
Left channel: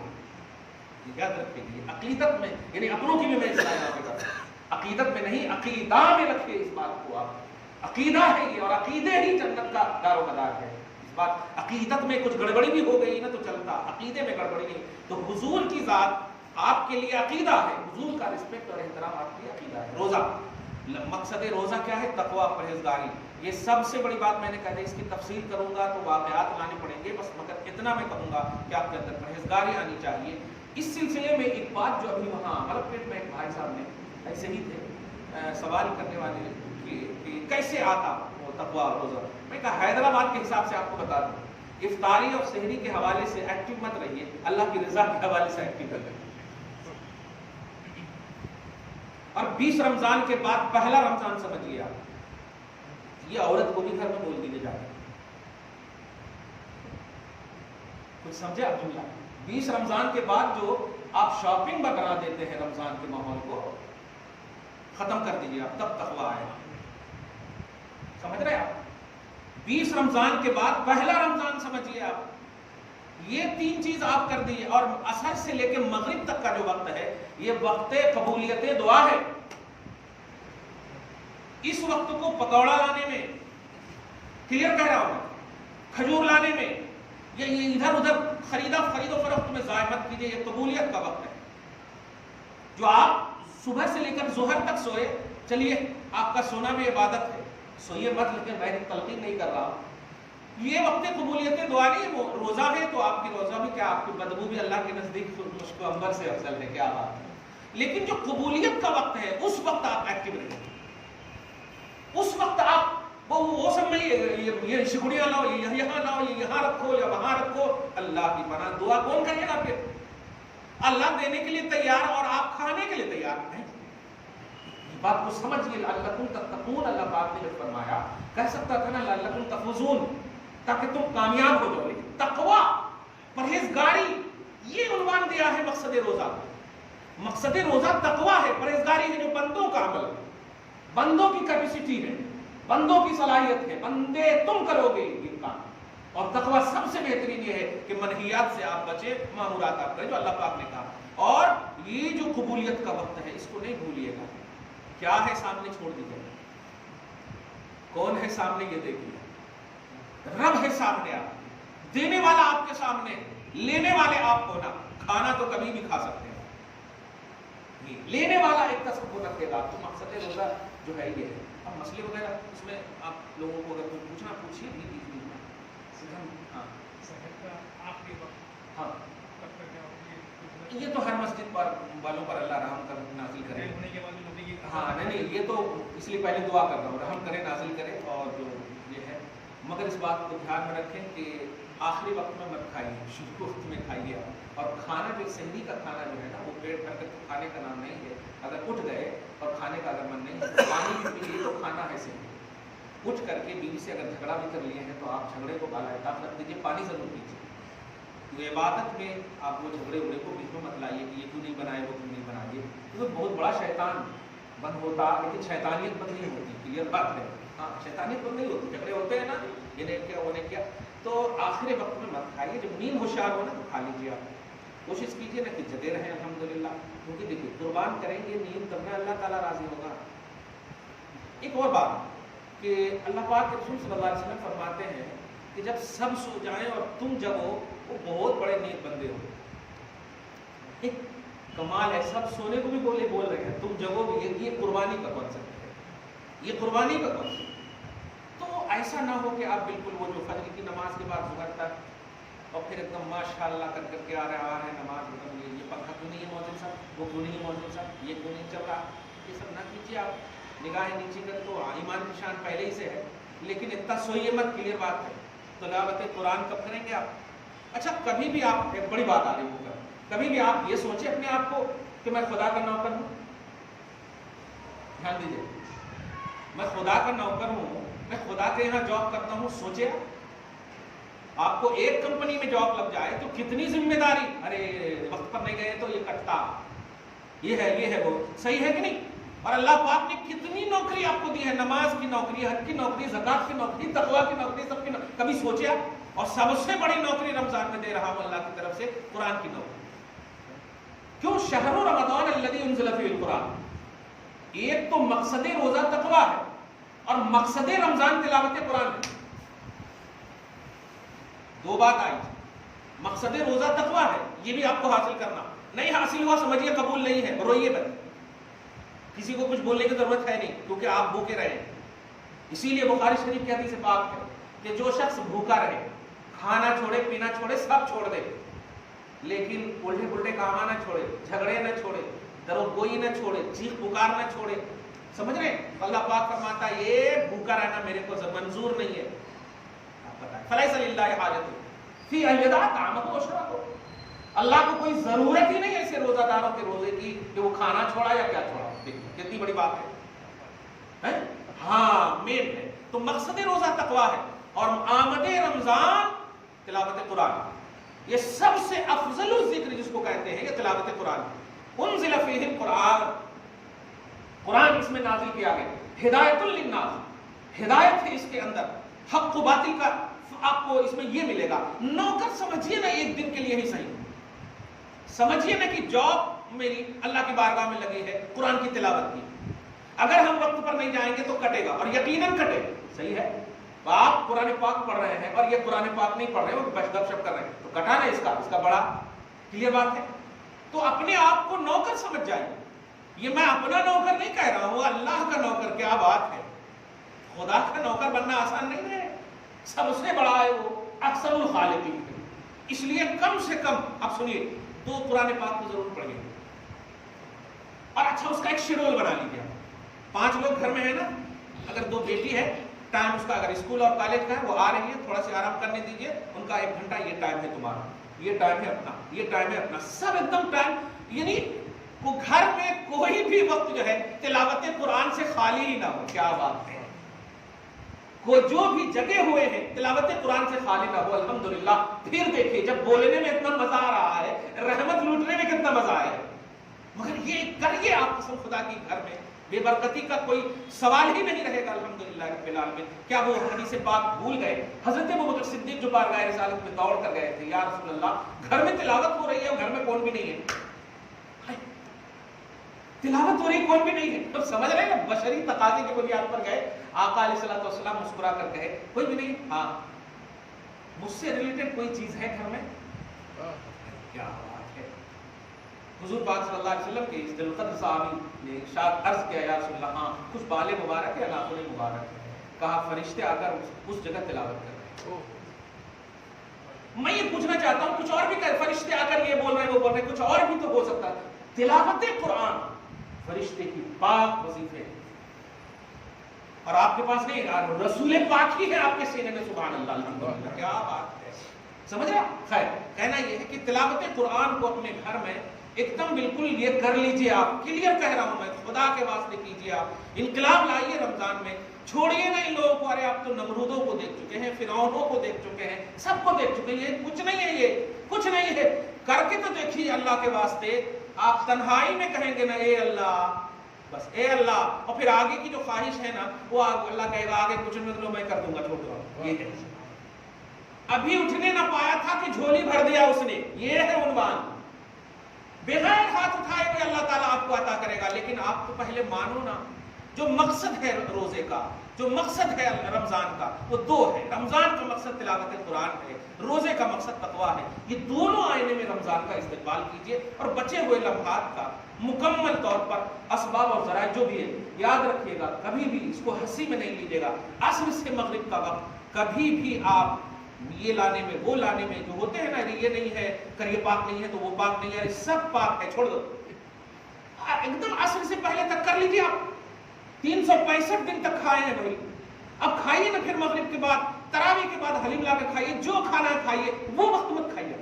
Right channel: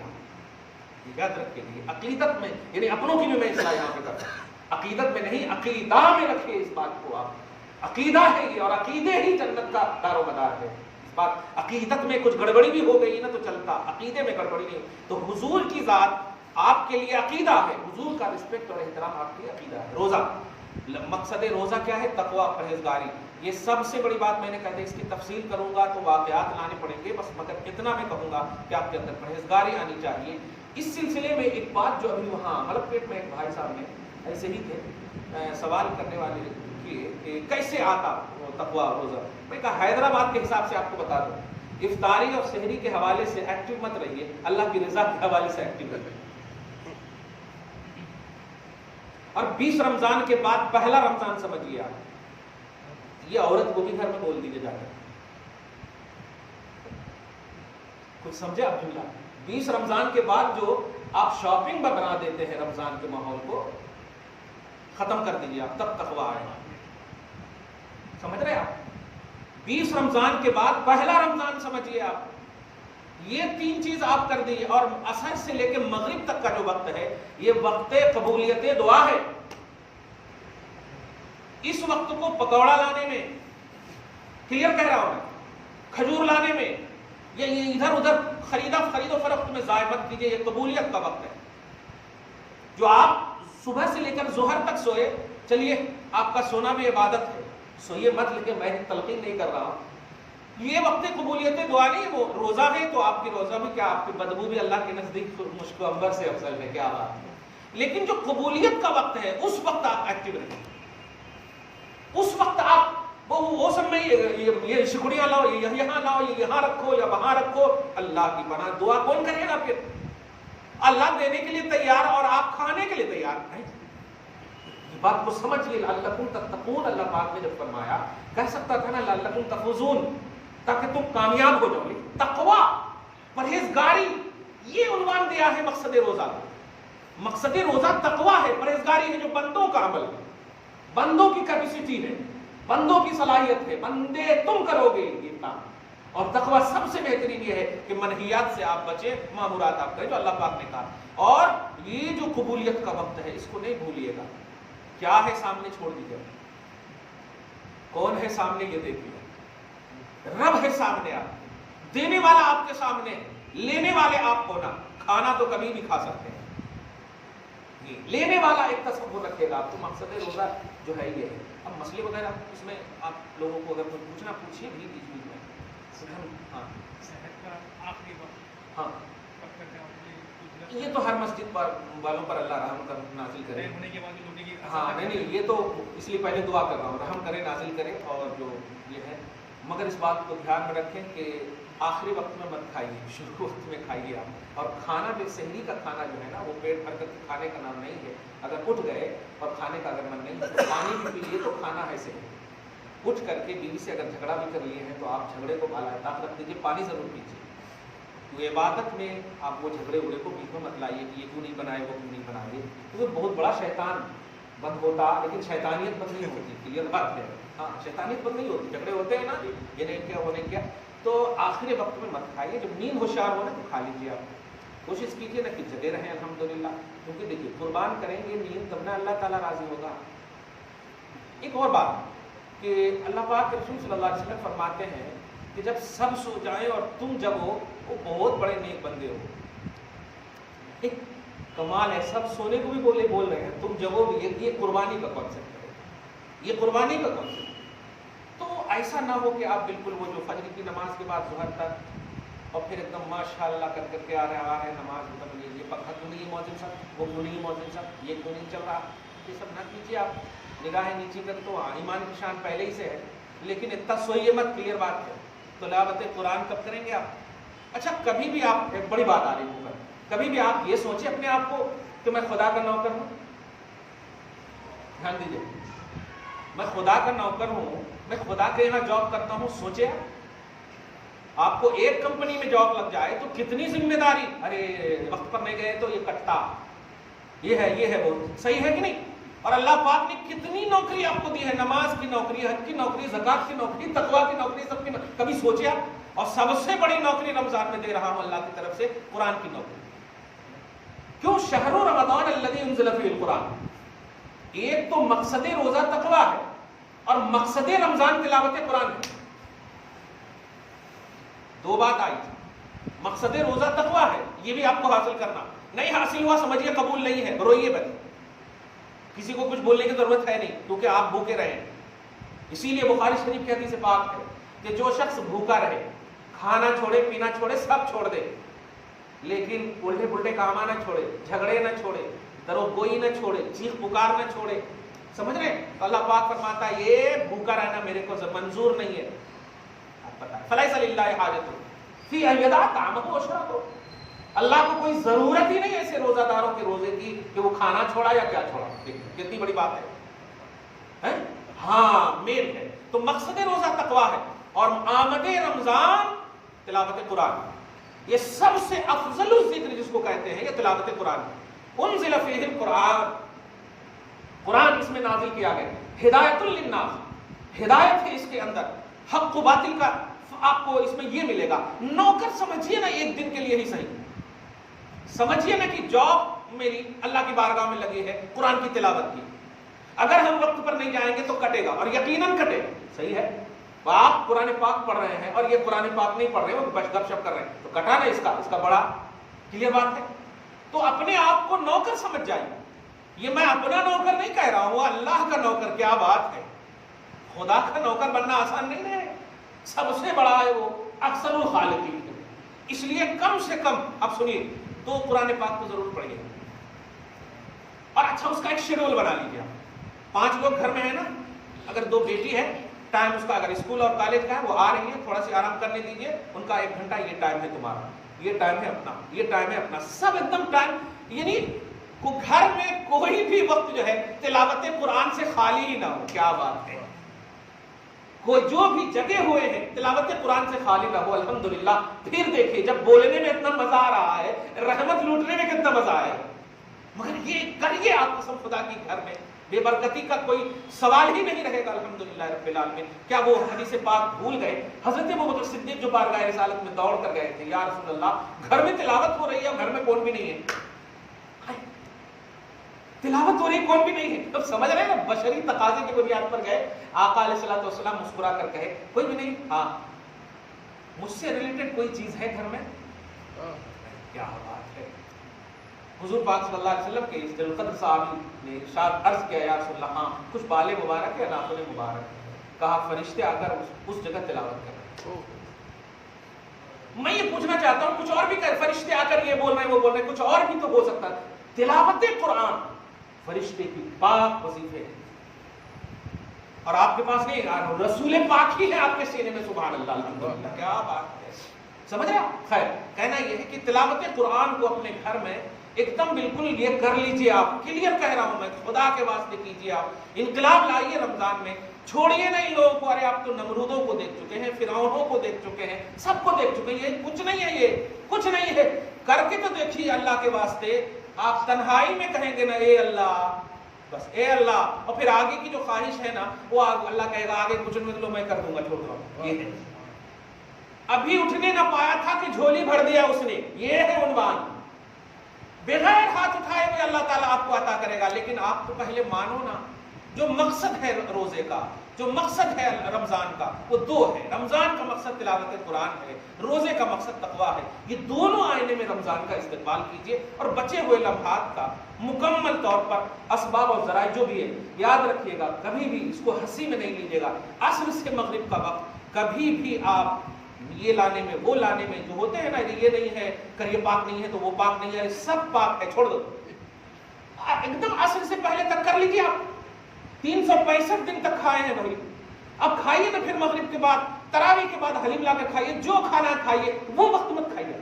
یاد رکھیے، عقیدت میں، یعنی اپنوں کی بھی میں اصلاح یہاں پہ کرتا ہوں. عقیدت میں نہیں، عقیدہ میں رکھیے اس بات کو. آپ عقیدہ ہے یہ، اور عقیدے ہی جنت کا دار و مدار ہے. اس بات عقیدت میں کچھ گڑبڑی بھی ہو گئی نا تو چلتا، عقیدے میں گڑبڑی نہیں. تو حضور کی ذات آپ کے لیے عقیدہ ہے، حضور کا رسپیکٹ اور احترام آپ کے لیے عقیدہ ہے. روزہ، مقصد روزہ کیا ہے؟ تقویٰ، پرہیزگاری. یہ سب سے بڑی بات میں نے کہا تھا، اس کی تفصیل کروں گا تو واقعات لانے پڑیں گے، بس مگر اتنا میں کہوں گا کہ آپ کے اندر پرہیزگاری آنی چاہیے. اس سلسلے میں ایک بات جو ابھی وہاں ملک پیٹ میں ایک بھائی صاحب نے ایسے ہی تھے سوال کرنے والے کہ کیسے آتا وہ تقویٰ روزہ. میں کہا حیدرآباد کے حساب سے آپ کو بتا دوں، افطاری اور سحری کے حوالے سے ایکٹیو مت رہیے، اللہ کی رضا کے حوالے سے ایکٹیو رہیے. اور 20 رمضان کے بعد پہلا رمضان سمجھیے آپ، یہ عورت کو بھی گھر میں بول دیجیے جا کر. کچھ سمجھے آپ جملہ؟ 20 رمضان کے بعد جو آپ شاپنگ میں بنا دیتے ہیں رمضان کے ماحول کو، ختم کر دیجیے آپ، تب تقویٰ آئے گا. سمجھ رہے آپ؟ 20 رمضان کے بعد پہلا رمضان سمجھیے آپ. یہ 3 چیز آپ کر دیجیے، اور عصر سے لے کے مغرب تک کا جو وقت ہے یہ وقت قبولیت دعا ہے. اس وقت کو پکوڑا لانے میں، کلیئر کہہ رہا ہوں میں، کھجور لانے میں، یا یہ ادھر ادھر خرید و فروخت میں ضائع مت کیجیے. یہ قبولیت کا وقت ہے. جو آپ صبح سے لے کر ظہر تک سوئے، چلیے آپ کا سونا بھی عبادت ہے، سوئیے مت، لیکن میں تلقین نہیں کر رہا ہوں. یہ وقت قبولیت دعا نہیں ہے. وہ روزہ ہے تو آپ کی روزہ بھی کیا، آپ کی بدبو بھی اللہ کے نزدیک مشک و عنبر سے افضل ہے. کیا بات ہے. لیکن جو قبولیت کا وقت ہے اس وقت آپ ایکٹیو رہیں. اس وقت آپ وہ سب میں یہ شکریہ لاؤ، یہ یہاں لاؤ، یہ یہاں رکھو یا وہاں رکھو. اللہ کی پناہ دعا کون کرے گا پھر؟ اللہ دینے کے لیے تیار اور آپ کھانے کے لیے تیار نہیں. یہ بات کو سمجھیے. لعلکم تتقون اللہ پاک نے جب فرمایا، کہہ سکتا تھا نا لعلکم تفوزون، تاکہ تم کامیاب ہو جاؤ. لیکن تقویٰ، پرہیزگاری، یہ عنوان دیا ہے مقصد روزہ. مقصد روزہ تقویٰ ہے، پرہیزگاری ہے، جو بندوں کا عمل ہے، بندوں کی کیپیسٹی ہے، بندوں کی صلاحیت ہے. بندے تم کرو گے یہ کام. اور تقویٰ سب سے بہترین یہ ہے کہ منہیات سے آپ بچیں، مامورات آپ کریں جو اللہ پاک نے کہا. اور یہ جو قبولیت کا وقت ہے اس کو نہیں بھولیے گا. کیا ہے سامنے چھوڑ دیجیے. کون ہے سامنے یہ دیکھیے. رب ہے سامنے. آپ دینے والا آپ کے سامنے ہے، لینے والے آپ کو نہ. کھانا تو کبھی بھی کھا سکتے ہیں، لینے والا ایک تصور رکھے گا آپ. تو مقصد روزہ جو ہے یہ ہے. اب مسئلے وغیرہ اس میں آپ لوگوں کو اگر کوئی پوچھنا پوچھیے بھی بیچ بیچ میں. ہاں یہ تو ہر مسجد والوں پر اللہ رحم کر نازل کرے. ہاں نہیں یہ تو اس لیے پہلے دعا کر رہا ہوں، رحم کرے، نازل کرے. اور جو یہ ہے، مگر اس بات کو دھیان میں رکھیں کہ آخری وقت میں مت کھائیے، شروع وقت میں کھائیے آپ. اور کھانا بھی سحری کا کھانا جو ہے نا وہ پیٹ بھر کر کھانے کا نام نہیں ہے. اگر اٹھ گئے اور کھانے کا اگر من نہیں ہے تو پانی بھی پیجیے، تو کھانا ہے سحری. اٹھ کر کے بیوی سے اگر جھگڑا بھی کر لیے ہیں تو آپ جھگڑے کو بالا طاقت رکھ دیجیے، پانی ضرور پیجیے. تو عبادت میں آپ وہ جھگڑے اڑے کو بیچ میں مت لائیے کہ یہ کیوں نہیں بنائے، وہ کیوں نہیں بنائیے. تو بہت بڑا شیطان بند ہوتا، لیکن شیطانیت بند نہیں ہوتی. کلیئر بات ہے. ہاں شیطانیت بند نہیں ہوتی. جھگڑے ہوتے ہیں نا، یہ نہیں کیا وہ نہیں کیا. تو آخری وقت میں مت کھائیے. جب نیند ہوشیار ہو نا تو کھا لیجیے. آپ کوشش کیجیے نا کہ جگے رہیں الحمدللہ. کیونکہ دیکھیے قربان کریں گے نیند تب نہ اللہ تعالیٰ راضی ہوگا. ایک اور بات کہ اللہ پاک کے رسول صلی اللہ علیہ وسلم فرماتے ہیں کہ جب سب سو جائیں اور تم جگو، وہ بہت بڑے نیک بندے ہو. ایک کمال ہے. سب سونے کو بھی بول رہے ہیں، تم جگو بھی. یہ قربانی کا کانسیپٹ ہے. یہ قربانی کا کانسیپٹ. تو ایسا نہ ہو کہ آپ بالکل وہ جو فجر کی نماز کے بعد ظہر تک اور پھر ایک دم ماشاء اللہ کر کے آ رہے نماز، مطلب یہ پنکھا کیوں نہیں ہے موزن صاحب، وہ کیوں نہیں ہے موزن صاحب، یہ کیوں نہیں چل رہا. یہ سب نہ کیجیے. آپ نگاہیں نیچے کر تو ایمان کی شان پہلے ہی سے ہے، لیکن اتنا سوئیے مت. کلیئر بات ہے. تلاوت قرآن کب کریں گے آپ؟ اچھا کبھی بھی آپ، ایک بڑی بات آ رہی ہے، کبھی بھی آپ یہ سوچیں اپنے آپ کو کہ میں خدا کا نوکر ہوں. دھیان دیجیے، میں خدا کا نوکر ہوں، میں خدا کے یہاں جاب کرتا ہوں. سوچے آپ کو ایک کمپنی میں جاب لگ جائے تو کتنی ذمہ داری. ارے وقت پر نہیں گئے تو یہ کٹتا، یہ ہے وہ. صحیح ہے کہ نہیں؟ اور اللہ پاک نے کتنی نوکری آپ کو دی ہے. نماز کی نوکری، حج کی نوکری، زکات کی نوکری، تقویٰ کی نوکری، سب کی نوکری. کبھی سوچے آپ؟ اور سب سے بڑی نوکری رمضان میں دے رہا ہوں اللہ کی طرف سے، قرآن کی نوکری. کیوں؟ شہر رمضان الذی انزل فیہ القرآن. ایک تو مقصد روزہ تقویٰ ہے اور مقصد رمضان تلاوت قرآن ہے. دو بات آئی. مقصد روزہ تقویٰ ہے، یہ بھی آپ کو حاصل کرنا. نہیں حاصل ہوا سمجھیے قبول نہیں ہے، روئیے بس. کسی کو کچھ بولنے کی ضرورت ہے نہیں، کیونکہ آپ بھوکے رہے ہیں. اسی لیے بخاری شریف کی حدیث پاک ہے کہ جو شخص بھوکا رہے، کھانا چھوڑے، پینا چھوڑے، سب چھوڑ دے، لیکن الٹے پلٹے کام نہ چھوڑے، جھگڑے نہ چھوڑے، درو گوئی نہ چھوڑے، چیخ پکار نہ چھوڑے. سمجھ رہے ہیں؟ تو اللہ پاک فرماتا ہے یہ بھوکا رہنا میرے کو منظور نہیں ہے. آپ بتائیں، فلیس للہ حاجۃ فی ان یدع طعامہ وشرابہ. اللہ کو کوئی ضرورت ہی نہیں ایسے روزہ داروں کے روزے کی کہ وہ کھانا چھوڑا یا کیا چھوڑا. کتنی بڑی بات ہے. ہاں میل ہے. تو مقصد روزہ تقویٰ ہے اور آمد رمضان تلاوت قرآن. یہ سب سے افضل الذکر جس کو کہتے ہیں یہ تلاوت قرآن. انزل فیہ القرآن، قرآن اس میں نازل کیا گیا. ہدایت للناس، ہدایت ہے اس کے اندر. حق و باطل کا آپ کو اس میں یہ ملے گا. نوکر سمجھیے نا ایک دن کے لیے ہی صحیح, سمجھیے نا کہ جاب میری اللہ کی بارگاہ میں لگی ہے قرآن کی تلاوت کی. اگر ہم وقت پر نہیں جائیں گے تو کٹے گا, اور یقیناً کٹے گا. صحیح ہے, آپ قرآن پاک پڑھ رہے ہیں اور یہ قرآن پاک نہیں پڑھ رہے ہیں, وہ گپ شپ کر رہے ہیں, تو کٹا نا اس کا بڑا کلیئر بات ہے. تو اپنے آپ کو نوکر سمجھ جائیے. یہ میں اپنا نوکر نہیں کہہ رہا ہوں, اللہ کا نوکر. کیا بات ہے, خدا کا نوکر بننا آسان نہیں ہے, سب سے بڑا ہے وہ اکثر الخالقین. اس لیے کم سے کم آپ سنیے 2 قرآن پاک کو ضرور پڑھیے, اور اچھا اس کا ایک شیڈول بنا لیجیے. 5 لوگ گھر میں ہیں نا, اگر 2 بیٹی ہے, ٹائم اس کا اگر اسکول اور کالج کا ہے, وہ آ رہی ہے, تھوڑا سی آرام کرنے دیجیے, ان کا 1 گھنٹہ یہ ٹائم ہے تمہارا, یہ ٹائم ہے اپنا, یہ ٹائم ہے اپنا, سب ایک دم ٹائم. یعنی گھر میں کوئی بھی وقت جو ہے تلاوت قرآن سے خالی ہی نہ ہو. کیا بات ہے, کوئی جو بھی جگے ہوئے ہیں تلاوت قرآن سے خالی نہ ہو. الحمدللہ. پھر دیکھیے جب بولنے میں اتنا مزہ آ رہا ہے, رحمت لوٹنے میں کتنا مزہ آئے گا. مگر یہ کریے آپ قسم خدا کی, گھر میں بے برکتی کا کوئی سوال ہی نہیں رہے گا. الحمدللہ رب العالمین. کیا وہ حدیث پاک بھول گئے؟ حضرت ابوبکر صدیق جو بارگاہ رسالت میں دوڑ کر گئے تھے, یا رسول اللہ گھر میں تلاوت ہو رہی ہے اور گھر میں کون بھی نہیں ہے, تلاوت ہو رہی کون بھی نہیں ہے. اب سمجھ رہے ہیں نا, بشری تقاضے کی بنیاد پر گئے. آقا علیہ الصلوۃ والسلام مسکرا کر کہے کوئی بھی نہیں, ہاں مجھ سے ریلیٹڈ کوئی چیز ہے گھر میں؟ کیا بات ہے. حضور پاک صلی اللہ علیہ وسلم کے اس ذوالقدر صحابی نے ارشاد عرض کیا, یا رسول اللہ ہاں کچھ بالے مبارک ہے, ناخن مبارک ہے. کہا فرشتے آ کر اس جگہ تلاوت کر رہے ہیں. میں یہ پوچھنا چاہتا ہوں, کچھ اور بھی کہ فرشتے آ کر یہ بول رہے ہیں وہ بول رہے ہیں, کچھ اور بھی تو ہو سکتا ہے. تلاوت قرآن فرشتے کی پاک وظیفے, اور آپ کے پاس نہیں, رسول پاک ہی ہے آپ کے سینے میں. سبحان اللہ, الحمدللہ. کیا بات ہے, سمجھ رہے آپ. خیر, کہنا یہ ہے کہ تلاوت قرآن کو اپنے گھر میں ایک دم بالکل یہ کر لیجئے. آپ کلیئر کہہ رہا ہوں میں, خدا کے واسطے کیجئے. آپ انقلاب لائیے رمضان میں. چھوڑیے نا ان لوگوں کو. ارے آپ تو نمرودوں کو دیکھ چکے ہیں, فرعونوں کو دیکھ چکے ہیں, سب کو دیکھ چکے ہیں. یہ کچھ نہیں ہے, یہ کچھ نہیں ہے. کر کے تو دیکھیے اللہ کے واسطے. آپ تنہائی میں کہیں گے نا اے اللہ, بس اے اللہ, اور پھر آگے کی جو خواہش ہے نا وہ اللہ کہے گا آگے کچھ لو میں کر دوں گا, چھوڑ دو. یہ ہے, ابھی اٹھنے نہ پایا تھا کہ جھولی بھر دیا اس نے. یہ ہے عنوان. بغیر ہاتھ اٹھائے ہوئے اللہ تعالیٰ آپ کو عطا کرے گا. لیکن آپ تو پہلے مانو نا, جو مقصد ہے روزے کا, جو مقصد ہے رمضان کا, وہ 2 ہے. رمضان کا مقصد تلاوت قرآن ہے, روزے کا مقصد تقویٰ ہے. یہ دونوں آئینے میں رمضان کا استقبال کیجئے, اور بچے ہوئے لمحات کا مکمل طور پر اسباب اور ذرائع جو بھی ہے یاد رکھیے گا. کبھی بھی اس کو ہنسی میں نہیں لیجیے گا. عصر سے مغرب کا وقت کبھی بھی آپ یہ لانے میں وہ لانے میں جو ہوتے ہیں نا, یہ نہیں ہے کر یہ پاک نہیں ہے تو وہ پاک نہیں ہے, سب پاک ہے, چھوڑ دو. ایک دم عصر سے پہلے تک کر لیجیے. آپ 365 دن تک کھائے ہیں بھائی, اب کھائیے نا. پھر مغرب کے بعد تراویح کے بعد حلیم لا کر کھائیے, جو کھانا ہے کھائیے. وہ وقت مت کھائیے,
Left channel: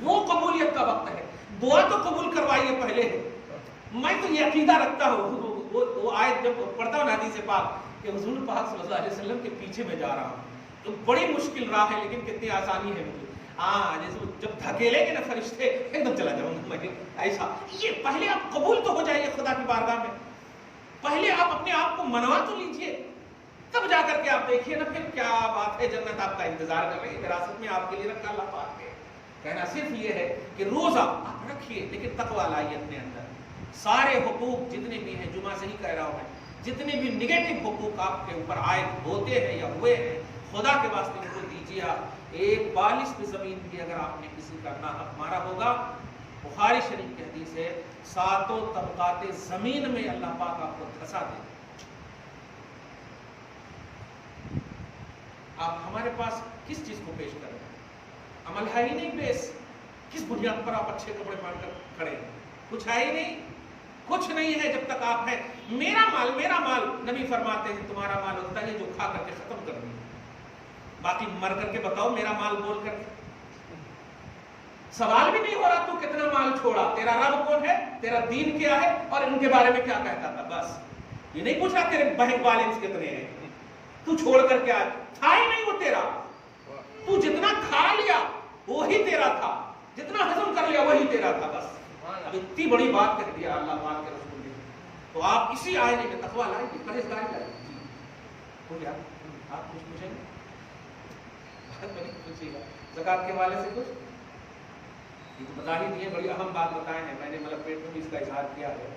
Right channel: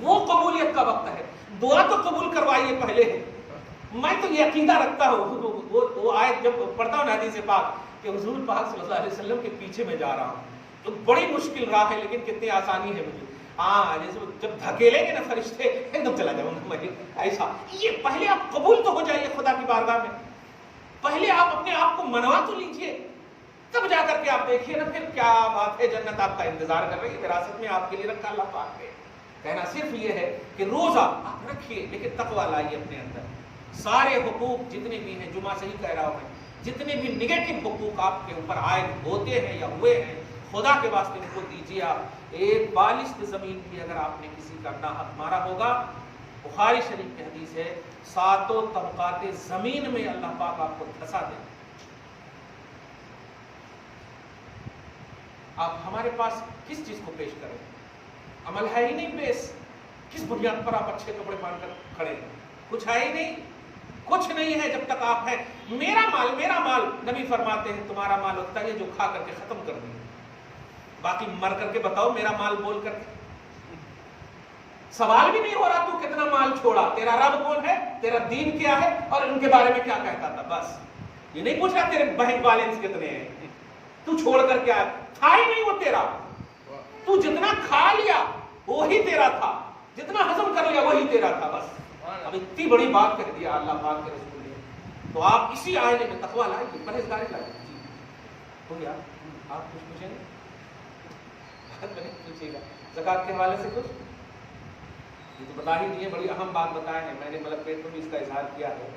وہ قبولیت کا وقت ہے. دعا تو قبول کروائیے پہلے ہے. میں تو یہ عقیدہ رکھتا ہوں, وہ آیت جب پڑھتا ہوں حدیث پاک کہ حضور پاک صلی اللہ علیہ وسلم کے پیچھے میں جا رہا ہوں, تو بڑی مشکل راہ ہے لیکن کتنی آسانی ہے مجھے. ہاں جیسے جب دھکیلیں گے نا فرشتے ایک دم چلا جاؤں گا میں, ایسا. یہ پہلے آپ قبول تو ہو جائیے خدا کی بارگاہ میں. پہلے آپ اپنے آپ کو منوا تو لیجئے, تب جا کر کے آپ دیکھیے نا پھر کیا بات ہے. جنت آپ کا انتظار کر رہی ہے, وراثت میں آپ کے لیے رکھا اللہ پاک ہے. کہنا صرف یہ ہے کہ روزہ آپ رکھیے لیکن تقویٰ لائیے اپنے اندر. سارے حقوق جتنے بھی ہیں, جمعہ سے ہی کہہ رہا ہوں میں, جتنے بھی نگیٹو حقوق آپ کے اوپر عائد ہوتے ہیں یا ہوئے ہیں, خدا کے واسطے ان کو دیجیے. آپ ایک بالشت زمین بھی اگر آپ نے کسی کا ناحق مارا ہوگا, بخاری شریف کی حدیث ہے, 7 طبقات زمین میں اللہ پاک آپ کو دھسا دے. آپ ہمارے پاس کس چیز کو پیش کریں, عمل ہے ہی نہیں پیش. کس بنیاد پر آپ اچھے کپڑے پہن کر کھڑے ہیں؟ کچھ ہے ہی نہیں, کچھ نہیں ہے جب تک آپ ہیں. میرا مال نبی فرماتے ہیں تمہارا مال ہوتا ہے جو کھا کر کے ختم کر دیا. باقی مر کر کے بتاؤ میرا مال بول کر کے. سوال بھی نہیں ہو رہا تو کتنا مال چھوڑا, تیرا رب کون ہے, تیرا دین کیا ہے, اور ان کے بارے میں کیا کہتا تھا. بس یہ نہیں پوچھ رہا تیرے بینک بیلنس کتنے ہیں, تو چھوڑ کر کے آیا تھا ہی نہیں وہ تیرا. تو جتنا کھا لیا وہی تیرا تھا, جتنا ہضم کر لیا وہی تیرا تھا. بس اب اتنی بڑی بات کہہ دیا اللہ پاک کے رسول نے. تو آپ اسی آئینے میں تقویٰ لائیے, پرہیزگاری لائیے. جی ہو گیا, آپ کچھ پوچھیں. بعد میں نہیں پوچھیے گا. زکوٰۃ کے حوالے سے کچھ یہ تو بتا ہی دیے, بڑی اہم بات بتائے ہیں, میں نے ملک پیٹ میں بھی اس کا اظہار کیا ہے.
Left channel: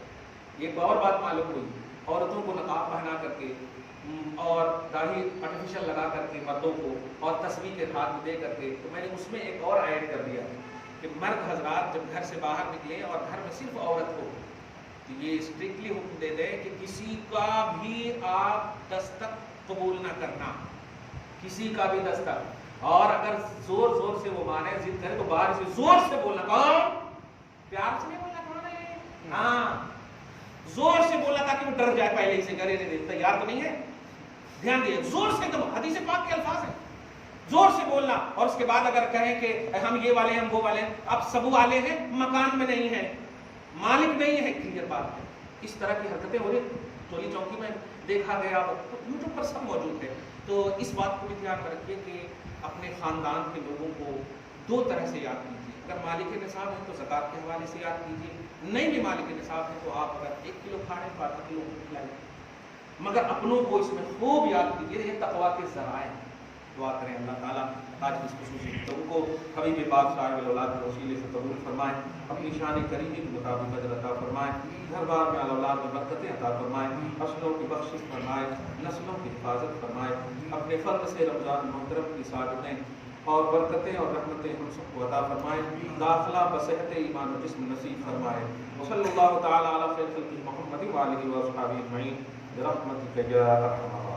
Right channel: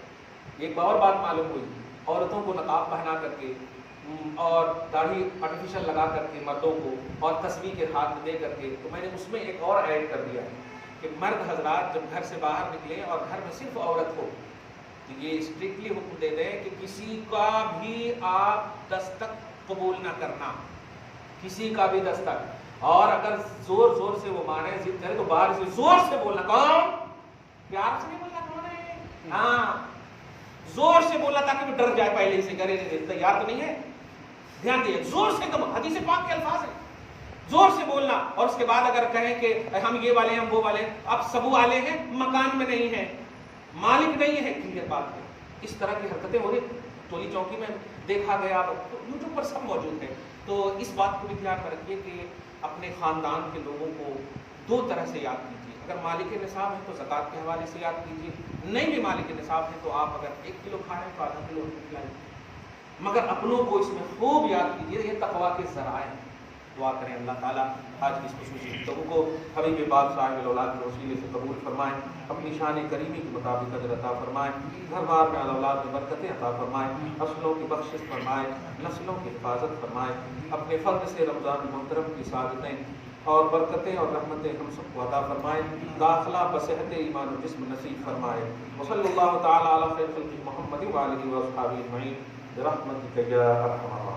ایک اور بات معلوم ہوئی, عورتوں کو نقاب پہنا کر کے اور داڑھی آرٹیفیشل لگا کر کے مردوں کو اور تصویر کے ہاتھ میں دے کر کے, تو میں نے اس میں ایک اور ایڈ کر دیا کہ مرد حضرات جب گھر سے باہر نکلیں اور گھر میں صرف عورت ہو تو یہ اسٹرکٹلی حکم دے دیں کہ کسی کا بھی آپ دستک قبول نہ کرنا, کسی کا بھی دستک. اور اگر زور زور سے وہ مانے ضد کرے تو باہر سے زور سے بولنا, کون پیار سے نہیں بولنا, کون ہے, ہاں زور سے بولنا تاکہ وہ ڈر جائے, پہلے ہی سے کرے نہیں تیار تو نہیں ہے. دھیان دیے, زور سے, ایک دم حدیث پاک کے الفاظ ہیں, زور سے بولنا. اور اس کے بعد اگر کہیں کہ ہم یہ والے ہیں ہم وہ والے ہیں, اب سب والے ہیں مکان میں نہیں ہیں, مالک نہیں ہے, کلیئر بات ہے. اس طرح کی حرکتیں ہو رہی, ٹولی چوکی میں دیکھا گیا, یوٹیوب پر سب موجود ہے. تو اس بات کو بھی دھیان میں رکھیے کہ اپنے خاندان کے لوگوں کو دو طرح سے یاد کیجیے. اگر مالک نصاب ہے تو زکوٰۃ کے حوالے سے یاد کیجیے, نہیں بھی مالک نصاب ہے تو آپ اگر 1 کلو کھا رہے ہیں تو آدھا کلو کھلائیں, مگر اپنوں کو اس میں خوب یاد کیجیے. یہ تقویٰ کے ذرائع ہیں. دعا کریں اللہ تعالیٰ آج کی اس خصوصی گفتگو کو حبیب پاک صاحب الاولاد کے وسیلے سے قبول فرمائیں, اپنی شان کریمی کے مطابق اجر عطا فرمائیں, گھر بار میں اولاد میں برکتیں عطا فرمائیں, نسلوں کی بخشش فرمائیں, نسلوں کی حفاظت فرمائیں. اپنے فضل سے رمضان محترم کی سعادتیں اور برکتیں اور رحمتیں ہم سب کو عطا فرمائیں, داخلہ بصحت ایمان و جسم نصیب فرمائے. وصلی اللہ تعالیٰ علی خیر خلقہ محمد و آلہ و اصحابہ اجمعین برحمتک یا ارحم الراحمین.